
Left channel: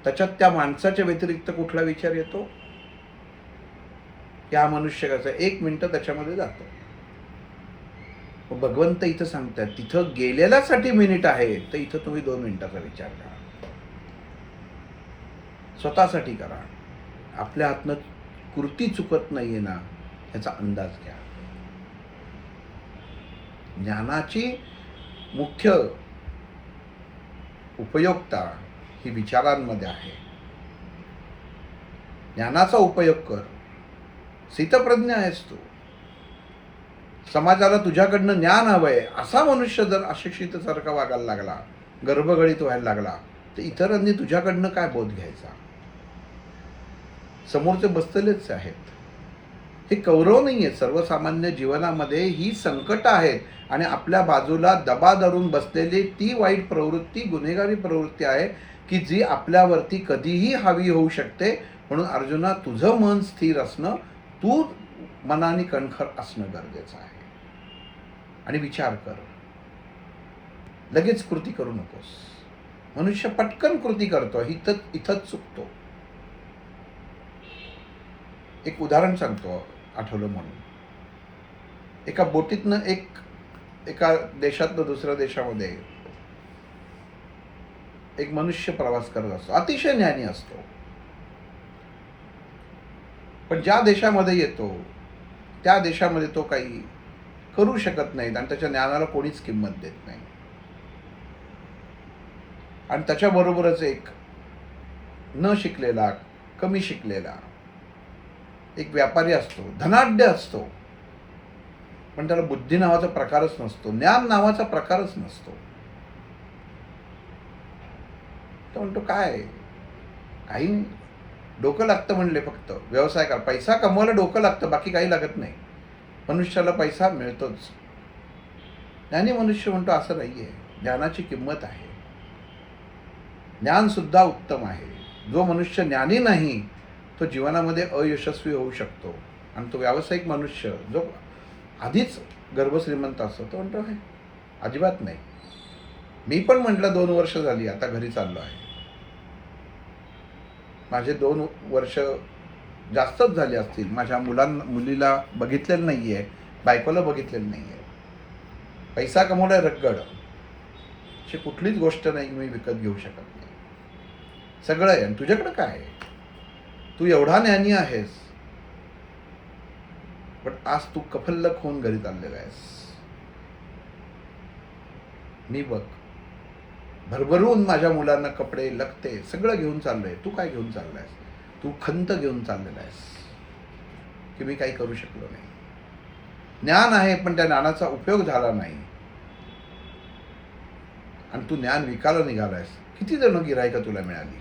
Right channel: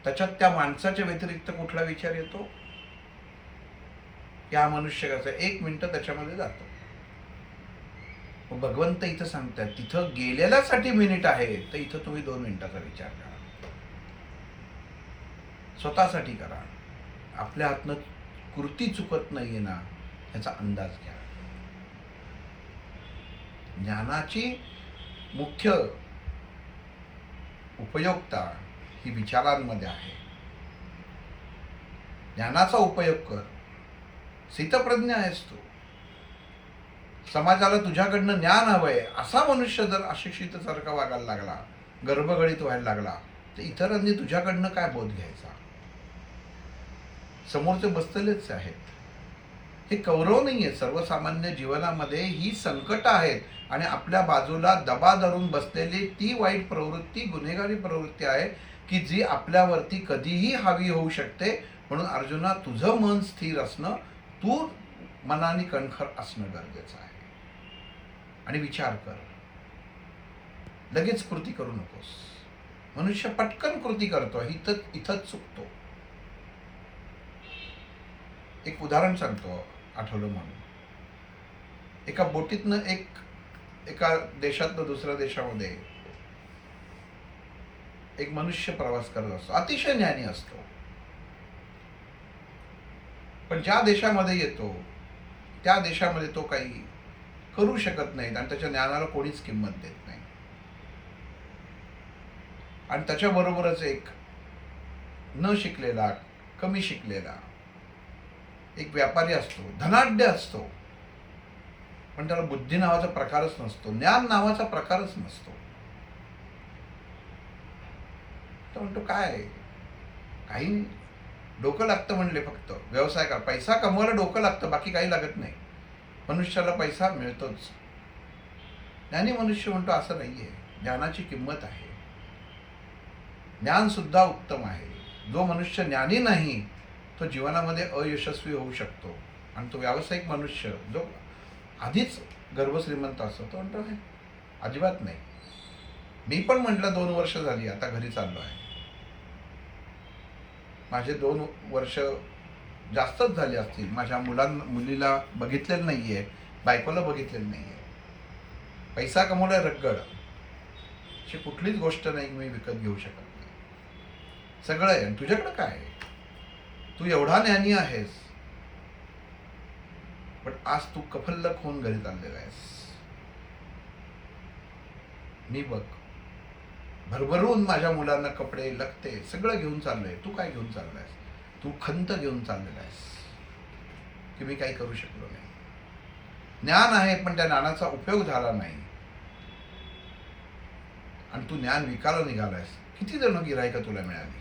त्याच्यात त्या माणसाच्या व्यतिरिक्त कुठला विचार येतो? की हा मनुष्य कसा 1 मिनिटं त्याच्यामध्ये जातो. भगवंत इथं सांगतात तिथं गेलेल्यासाठी मिनिट आहे, तर इथं तुम्ही 2 मिनिटाचा विचार करा. स्वतःसाठी करा. आपल्या हातनं कृती चुकत नाहीये ना याचा अंदाज घ्या. ज्ञानाची मुख्य उपयोगिता ही विचारांमध्ये आहे. ज्ञानाचा उपयोग कर. स्थितप्रज्ञ आहेस तू. समाजाला तुझ्याकडनं ज्ञान हवंय असा मनुष्य जर अशिक्षितसारखा वागायला लागला, गर्भगळीत व्हायला लागला, तर इतरांनी तुझ्याकडनं काय बोध घ्यायचा? समोरचे बसलेलेच आहेत. हे कौरव नाहीये. सर्वसामान्य जीवनामध्ये ही संकट आहेत आणि आपल्या बाजूला दबा धरून बसलेली ती वाईट प्रवृत्ती, गुन्हेगारी प्रवृत्ती आहे की जी आपल्यावरती कधीही हावी होऊ शकते. म्हणून अर्जुना, तुझं मन स्थिर असणं, तू मनाने कणखर असणं गरजेचं आहे. आणि विचार कर. लगेच कृती करू नकोस. मनुष्य पटकन कृती करतो, इथंच चुकतो. एक उदाहरण सांगतो आठवलं म्हणून. एका बोटीतनं एका देशातनं दुसऱ्या देशामध्ये एक मनुष्य प्रवास करत असतो. अतिशय ज्ञानी असतो. पण ज्या देशामध्ये येतो त्या देशामध्ये तो काही करू शकत नाही आणि त्याच्या ज्ञानाला कोणीच किंमत देत नाही. आणि त्याच्याबरोबरच एक न शिकलेला, कमी शिकलेला एक व्यापारी असतो. धनाढ्य असतो, पण त्याला बुद्धी नावाचा प्रकारच नसतो, ज्ञान नावाचा प्रकारच नसतो. तो म्हणतो काय, काही नाही, डोकं लागतं म्हणले, फक्त व्यवसाय कर, पैसा कमवायला डोकं लागतं, बाकी काही लागत नाही. मनुष्याला पैसा मिळतोच. ज्ञानी मनुष्य म्हणतो असं नाहीये. ज्ञानाची किंमत आहे. ज्ञान सुद्धा उत्तम आहे. जो मनुष्य ज्ञानी नाही तो जीवनामध्ये अयशस्वी होऊ शकतो. आणि तो व्यावसायिक मनुष्य जो आधीच गर्भश्रीमंत असतो. तो म्हणतो आहे अजिबात नाही. मी पण म्हटलं 2 वर्ष झाली आता घरी चाललो आहे. माझे 2 वर्ष जास्तच झाले असतील. माझ्या मुलीला बघितलेलं नाही आहे, बायकोला बघितलेलं नाही आहे. पैसा कमवलाय रगड. अशी कुठलीच गोष्ट नाही की मी विकत घेऊ शकत नाही. सगळं आहे. आणि तुझ्याकडं काय आहे? तू एवढा ज्ञानी आहेस, पण आज तू कफल्लक होऊन घरी चाललेला आहेस. मी बघ भरभरून माझ्या मुलांना कपडे लत्ते सगळं घेऊन चाललोय. तू काय घेऊन चाललायस? तू खंत घेऊन चाललेला आहेस की मी काही करू शकलो नाही. ज्ञान आहे पण त्या ज्ञानाचा उपयोग झाला नाही आणि तू ज्ञान विकायला निघालायस. किती जण गिऱ्हाईकं तुला मिळाली?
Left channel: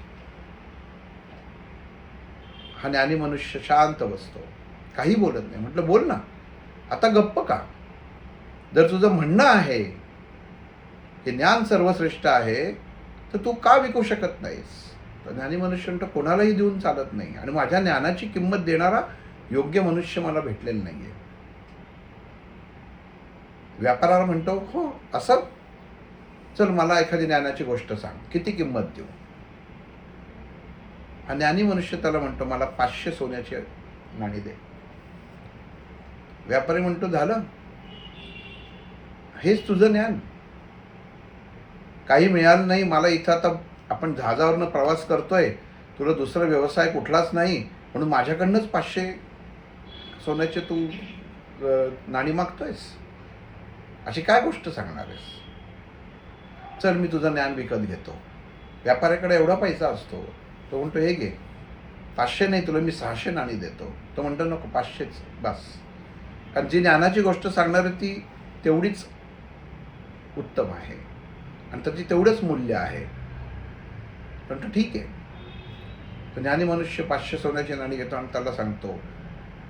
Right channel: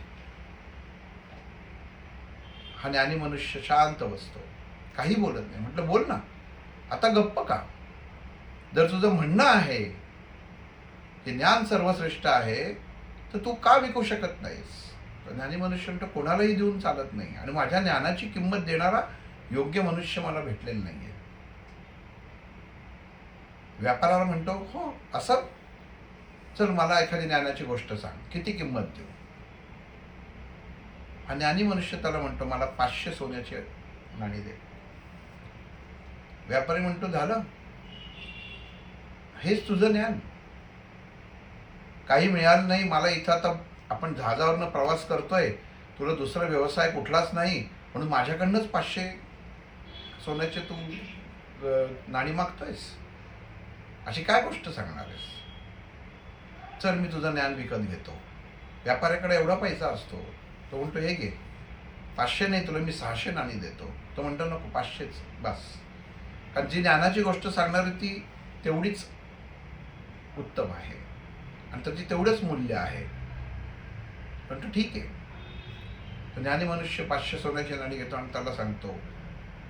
हा ज्ञानी मनुष्य शांत बसतो, काही बोलत नाही. म्हटलं बोल ना, आता गप्प का? जर तुझं म्हणणं आहे की ज्ञान सर्वश्रेष्ठ आहे तर तू का विकू शकत नाहीस? ज्ञानी मनुष्य म्हणतो कोणालाही देऊन चालत नाही आणि माझ्या ज्ञानाची किंमत देणारा योग्य मनुष्य मला भेटलेला नाहीये. व्यापाराला म्हणतो हो असं, चल मला एखादी ज्ञानाची गोष्ट सांग, किती किंमत देऊ? हा ज्ञानी मनुष्य त्याला म्हणतो मला 500 सोन्याची नाणी दे. व्यापारी म्हणतो झालं, हेच तुझं ज्ञान? काही मिळालं नाही मला इथं. आता आपण जहाजावरनं प्रवास करतोय, तुला दुसरा व्यवसाय कुठलाच नाही म्हणून माझ्याकडनंच 500 सोन्याचे तू नाणी मागतोयस? अशी काय गोष्ट सांगणार आहेस? चल मी तुझं ज्ञान विकत घेतो. व्यापाऱ्याकडे एवढा पैसा असतो, तो म्हणतो हे घे, 500 नाही तुला मी 600 नाणी देतो. तो म्हणतो नको 500च बस. कारण जी ज्ञानाची गोष्ट सांगणार ती तेवढीच उत्तम आहे आणि त्याची तेवढंच मूल्य आहे. म्हणतो ठीक आहे. तर ज्ञानी मनुष्य 500 सोन्याची नाणी घेतो आणि त्याला सांगतो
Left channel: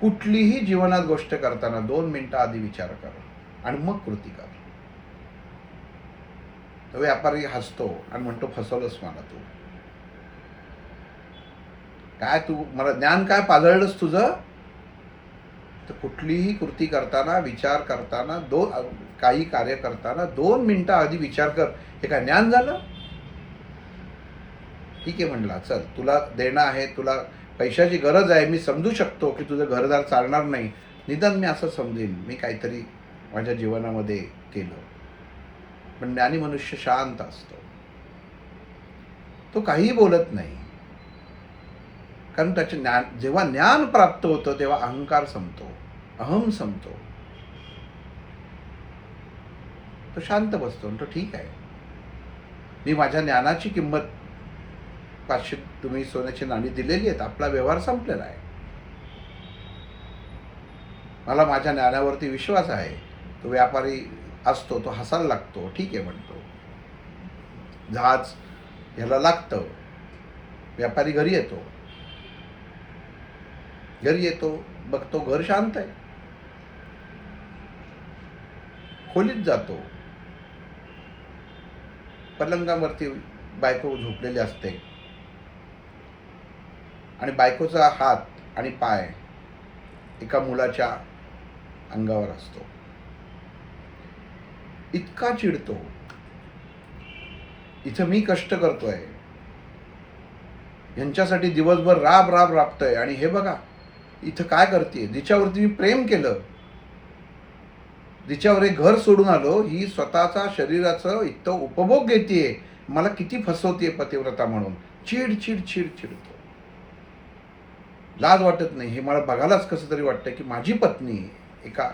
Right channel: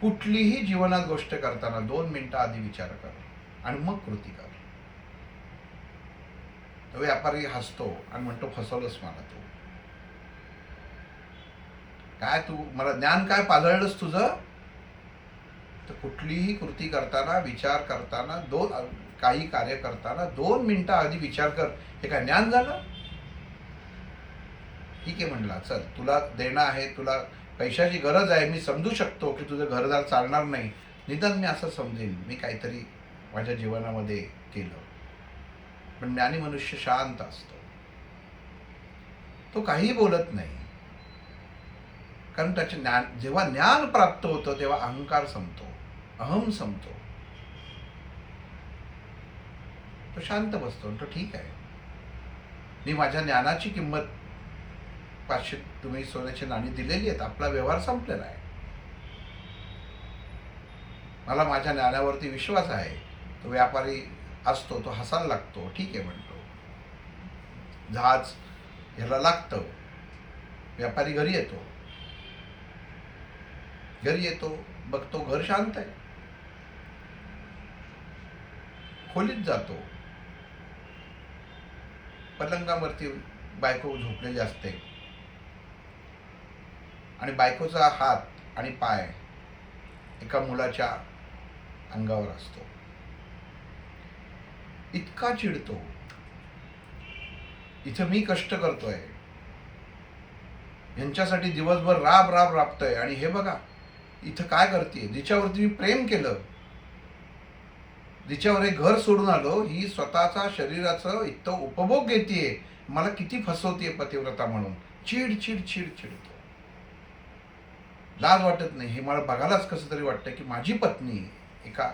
कुठलीही जीवनात गोष्ट करताना 2 मिनिटं आधी विचार कर आणि मग कृती कर. तर व्यापारी हसतो आणि म्हणतो फसवलंस मला तू. काय तू मला ज्ञान काय पाजळलंस तुझं? तर कुठलीही कृती करताना विचार करताना काही कार्य करताना 2 मिनिटं आधी विचार कर. हे काय ज्ञान झालं? ठीक आहे म्हणला, चल तुला देणं आहे, तुला पैशाची गरज आहे, मी समजू शकतो की तुझं घरदार चालणार नाही. निदान मी असं समजेन मी काहीतरी माझ्या जीवनामध्ये केलं. पण ज्ञानी मनुष्य शांत असतो, तो काहीही बोलत नाही. कारण त्याचे ज्ञान, जेव्हा ज्ञान प्राप्त होतं तेव्हा अहंकार संपतो, अहम संपतो. तो शांत बसतो आणि तो ठीक आहे, मी माझ्या ज्ञानाची किंमत 500 तुम्ही सोन्याची नाणी दिलेली आहेत, आपला व्यवहार संपलेला आहे. मला माझ्या ज्ञानावरती विश्वास आहे. तो व्यापारी असतो, तो हसायला लागतो, ठीक आहे म्हणतो. जहाज ह्याला लागतं. व्यापारी घरी येतो, बघतो घर शांत आहे. खोलीत जातो, पलंगावरती बायको झोपलेली असते आणि बायकोचा हात आणि पाय एका मुलाच्या अंगावर असतो. इतका चिडतो, इथं मी कष्ट करतोय, यांच्यासाठी दिवसभर राबतोय आणि हे बघा इथं काय करते, जिच्यावरती मी प्रेम केलं, जिच्यावर एक घर सोडून आलो, ही स्वतःचा शरीराचं इतकं उपभोग घेतेय, मला किती फसवतेय पतिव्रता म्हणून. चिडतो. लाज वाटत नाही? हे मला बघायलाच कसं तरी वाटतं की माझी पत्नी एका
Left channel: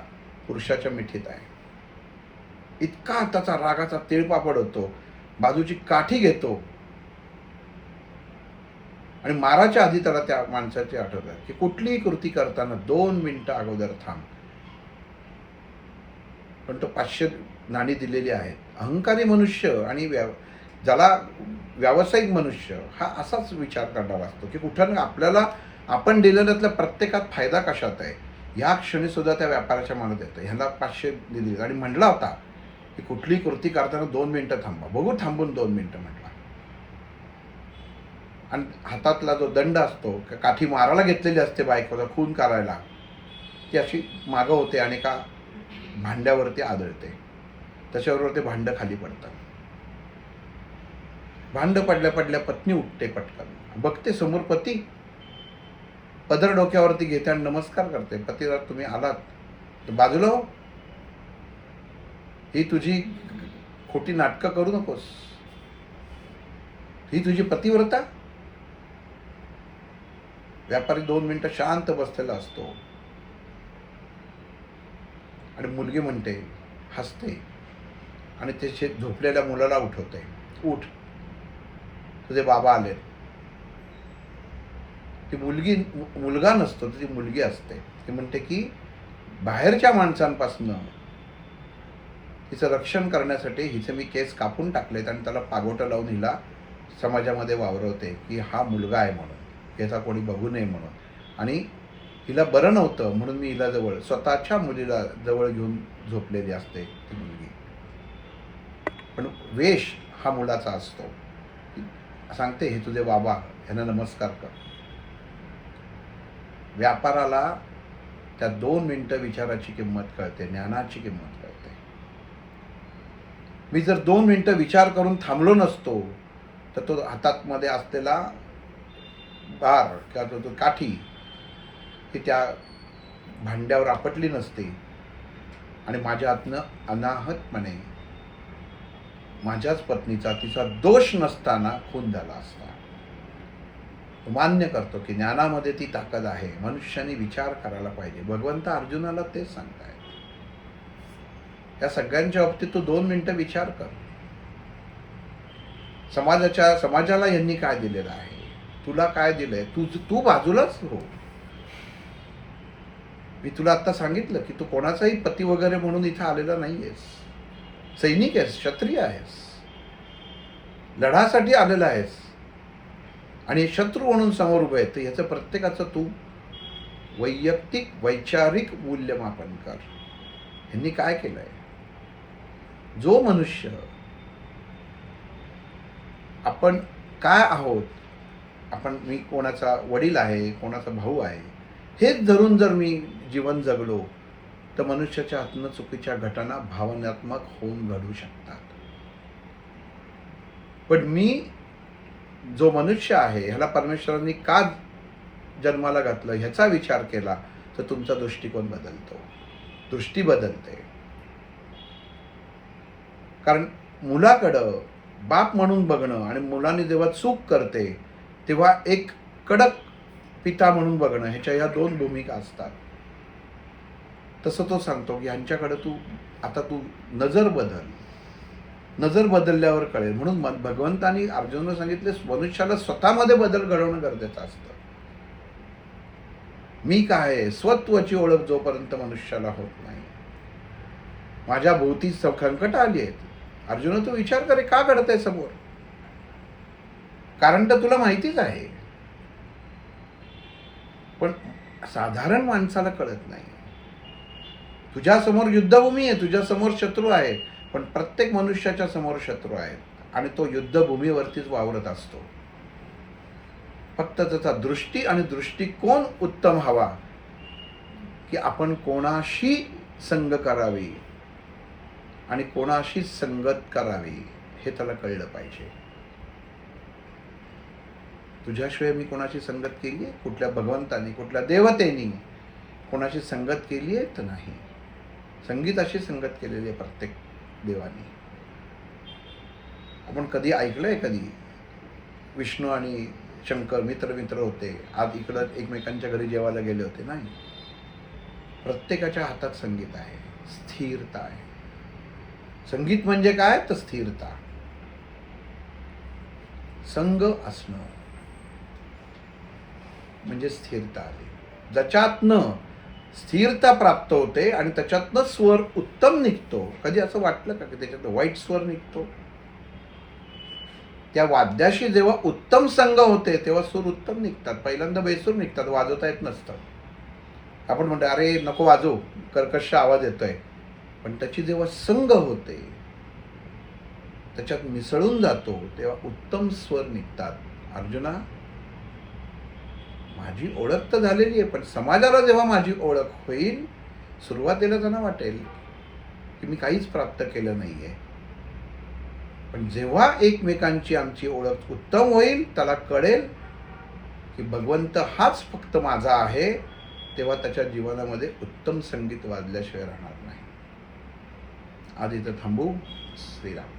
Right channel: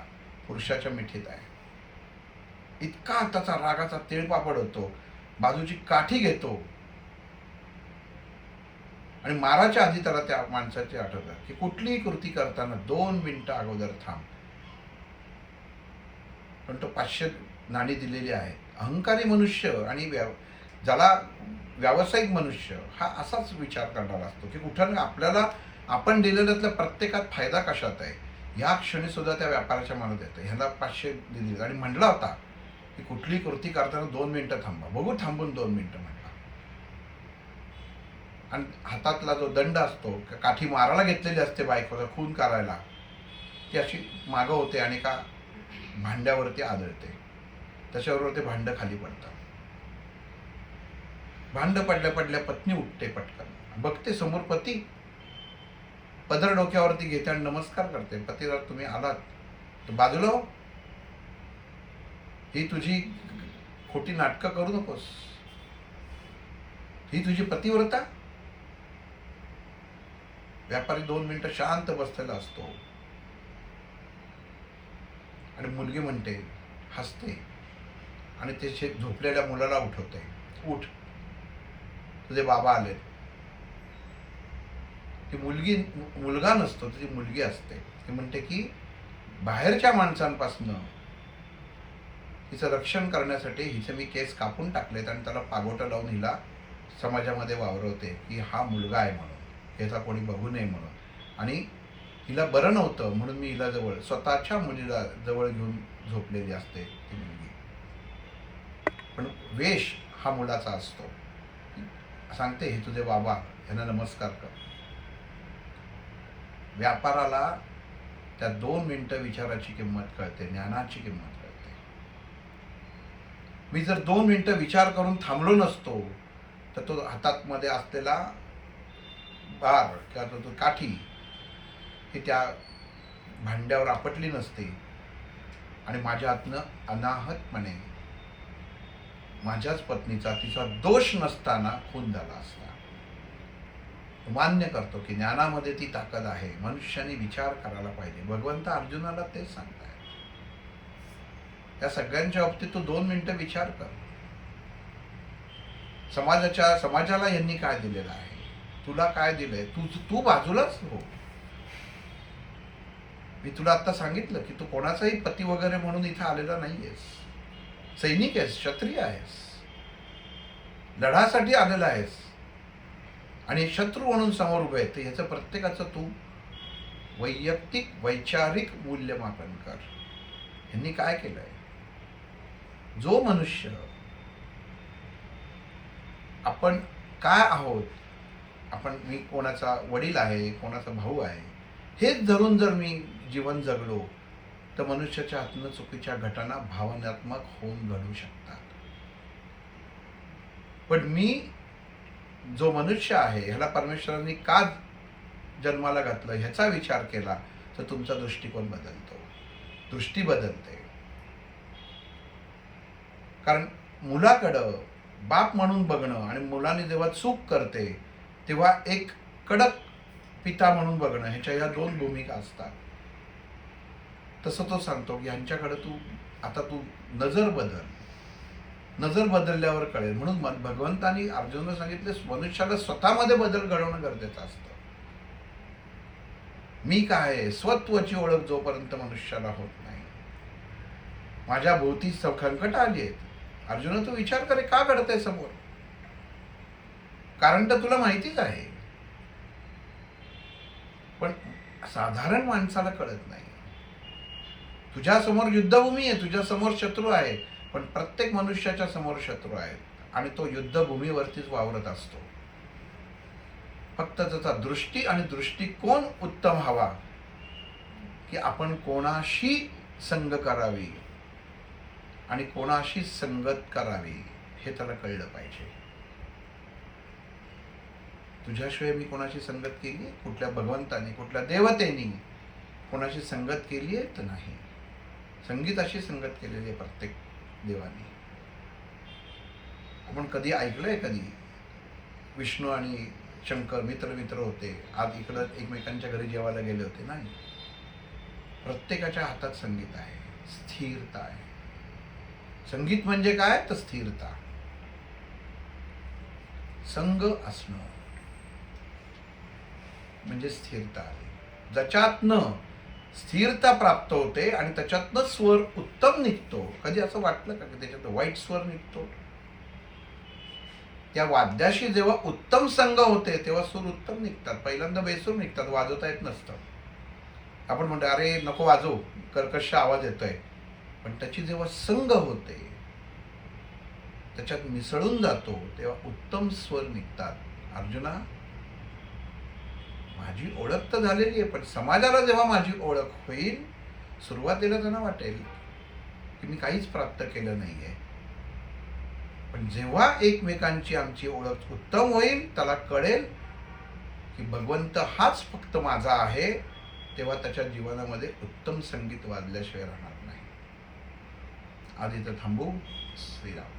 पुरुषाच्या मिठीत आहे. इतका त्याचा रागाचा तिळपापड होतो, बाजूची काठी घेतो आणि माराच्या आधी त्याला त्या माणसाची आठवत आहे की कुठलीही कृती करताना 2 मिनिटं अगोदर थांब. पण तो 500 नाणी दिलेली आहेत. अहंकारी मनुष्य आणि ज्याला व्यावसायिक मनुष्य हा असाच विचार करणारा असतो की कुठं आपल्याला आपण दिलेल्यातल्या प्रत्येकात फायदा कशात आहे. या क्षणी सुद्धा त्या व्यापाराच्या मनात येतं ह्याला 500 दिली आणि म्हणला होता की कुठलीही कृती करताना 2 मिनिटं थांबा. बघू थांबून 2 मिनिटं म्हटला. आणि हातातला जो दंड असतो, काठी मारायला घेतलेली असते बायकोला खून करायला, ती अशी मागं होते आणि का भांड्यावरती आदळते. त्याच्याबरोबर ते भांडं खाली पडतं. भांडं पडल्या पडल्या पत्नी उठते पटकन, बघते समोर पती, पदर डोक्यावरती घेते आणि नमस्कार करते. पतीला, तुम्ही आलात तर बाजूला हो, ही तुझी खोटी नाटकं करू नकोस. ही तुझी पतिव्रता. व्यापारी 2 मिनिटं शांत बसलेला असतो आणि मुलगी म्हणते, हसते आणि त्याचे झोपलेल्या मुलाला उठवते. उठ, तुझे बाबा आले. ती मुलगा नसतो, ती मुलगी असते. ती म्हणते की बाहेरच्या माणसांपासून हिचं रक्षण करण्यासाठी हिचे मी केस कापून टाकलेत आणि त्याला पागोटं लावून हिला समाजामध्ये वावरवते की हा मुलगा आहे म्हणून, याचा कोणी बघू नये म्हणून. आणि हिला बरं नव्हतं म्हणून मी हिला स्वतःच्या मुलीला जवळ घेऊन झोपलेली असते ती मुलगी. पण वेश हा मुलाचा असतो. सांगते, हे तुझे बाबा, यांना नमस्कार कर. व्यापाराला त्या 2 मिनिटं विचाराची किंमत कळते, ज्ञानाची किंमत कळते. मी जर 2 मिनिटं विचार करून थांबलो नसतो तर तो हातात मध्ये असलेला बार किंवा तो काठी ही त्या भांड्यावर आपटली नसते आणि माझ्या हातनं अनाहतपणे माझ्याच पत्नीचा, तिचा दोष नसताना खून झाला असता. मान्य करतो की ज्ञानामध्ये ती ताकद आहे. मनुष्याने विचार करायला पाहिजे. भगवंत अर्जुनाला तेच सांगतायत. या सगळ्यांच्या बाबतीत तू 2 मिनिटं विचार कर. समाजाला यांनी काय दिलेलं आहे, तुला काय दिलंय, तू बाजूलाच हो. मी तुला आता सांगितलं की तू कोणाचाही पती वगैरे म्हणून इथं आलेला नाहीयेस. सैनिक आहेस, क्षत्रिय आहेस, लढासाठी आलेला आहेस आणि शत्रू म्हणून समोर उभे आहे. तर याचं प्रत्येकाचं तू वैयक्तिक वैचारिक मूल्यमापन कर. यांनी काय केलंय? जो मनुष्य आपण काय आहोत, मी कोणाचा वडील आहे, कोणाचा भाऊ आहे, हेच धरून जर मी जीवन जगलो तर मनुष्याच्या हातनं चुकीच्या घटना भावनात्मक होऊन घडू शकतात. पण मी जो मनुष्य आहे ह्याला परमेश्वरांनी का जन्माला घातलं ह्याचा विचार केला तर तुमचा दृष्टिकोन बदलतो, दृष्टी बदलते. कारण मुलाकडं बाप म्हणून बघणं आणि मुलांनी जेव्हा चूक करते तेव्हा एक कडक पिता म्हणून बघणं, ह्याच्या ह्या 2 भूमिका असतात. तसं तो सांगतो की ह्यांच्याकडे तू नजर बदलल्यावर कळेल. म्हणून भगवंतानी अर्जुनाला सांगितले, मनुष्याला स्वतःमध्ये बदल घडवणं गरजेचं असतं. मी काय आहे, स्वत्वाची ओळख जोपर्यंत मनुष्याला होत नाही. माझ्या भोवती संकट आली आहेत. अर्जुन, तू विचार करे, का घडतंय समोर? कारण तर तुला माहितीच आहे, पण साधारण माणसाला कळत नाही. तुझ्या समोर युद्धभूमी आहे, तुझ्या समोर शत्रू आहे, पण प्रत्येक मनुष्याच्या समोर शत्रू आहेत आणि तो युद्धभूमीवरतीच वावरत असतो. फक्त त्याचा दृष्टी आणि दृष्टिकोन उत्तम हवा की आपण कोणाशी संग करावी आणि कोणाशी संगत करावी हे त्याला कळलं पाहिजे. तुझ्याशिवाय मी कोणाशी संगत केली आहे? कुठल्या भगवंतानी, कुठल्या देवतेनी कोणाशी संगत केली आहे? तर नाही. संगीताशी संगत केलेली आहे प्रत्येक देवानी. आपण कधी ऐकलंय कधी विष्णू आणि शंकर मित्र होते, आज इकडं एकमेकांच्या घरी जेवायला गेले होते? नाही. प्रत्येकाच्या हातात संगीत आहे, स्थिरता आहे. संगीत म्हणजे काय? तर स्थिरता, संग असणं म्हणजे स्थिरता आली. ज्याच्यातनं स्थिरता प्राप्त होते आणि त्याच्यातनं स्वर उत्तम निघतो. कधी असं वाटलं का की त्याच्यात वाईट स्वर निघतो? त्या वाद्याशी जेव्हा उत्तम संग होते तेव्हा सूर उत्तम निघतात. पहिल्यांदा बेसूर निघतात, वाजवता येत नसतं. आपण म्हणतो अरे नको वाजव, कर्कश आवाज येतोय. पण त्याची जेव्हा संग होते, त्याच्यात मिसळून जातो, तेव्हा उत्तम स्वर निघतात. अर्जुना, माझी ओळख तर झालेली आहे, पण समाजाला जेव्हा माझी ओळख होईल, सुरुवातीला त्यांना वाटेल की मी काहीच प्राप्त केलं नाहीये. पण जेव्हा एकमेकांची आमची ओळख उत्तम होईल, त्याला कळेल की भगवंत हाच फक्त माझा आहे, तेव्हा त्याच्या जीवनामध्ये उत्तम संगीत वाजल्याशिवाय राहणार नाही. आज इथं थांबू. श्रीराम.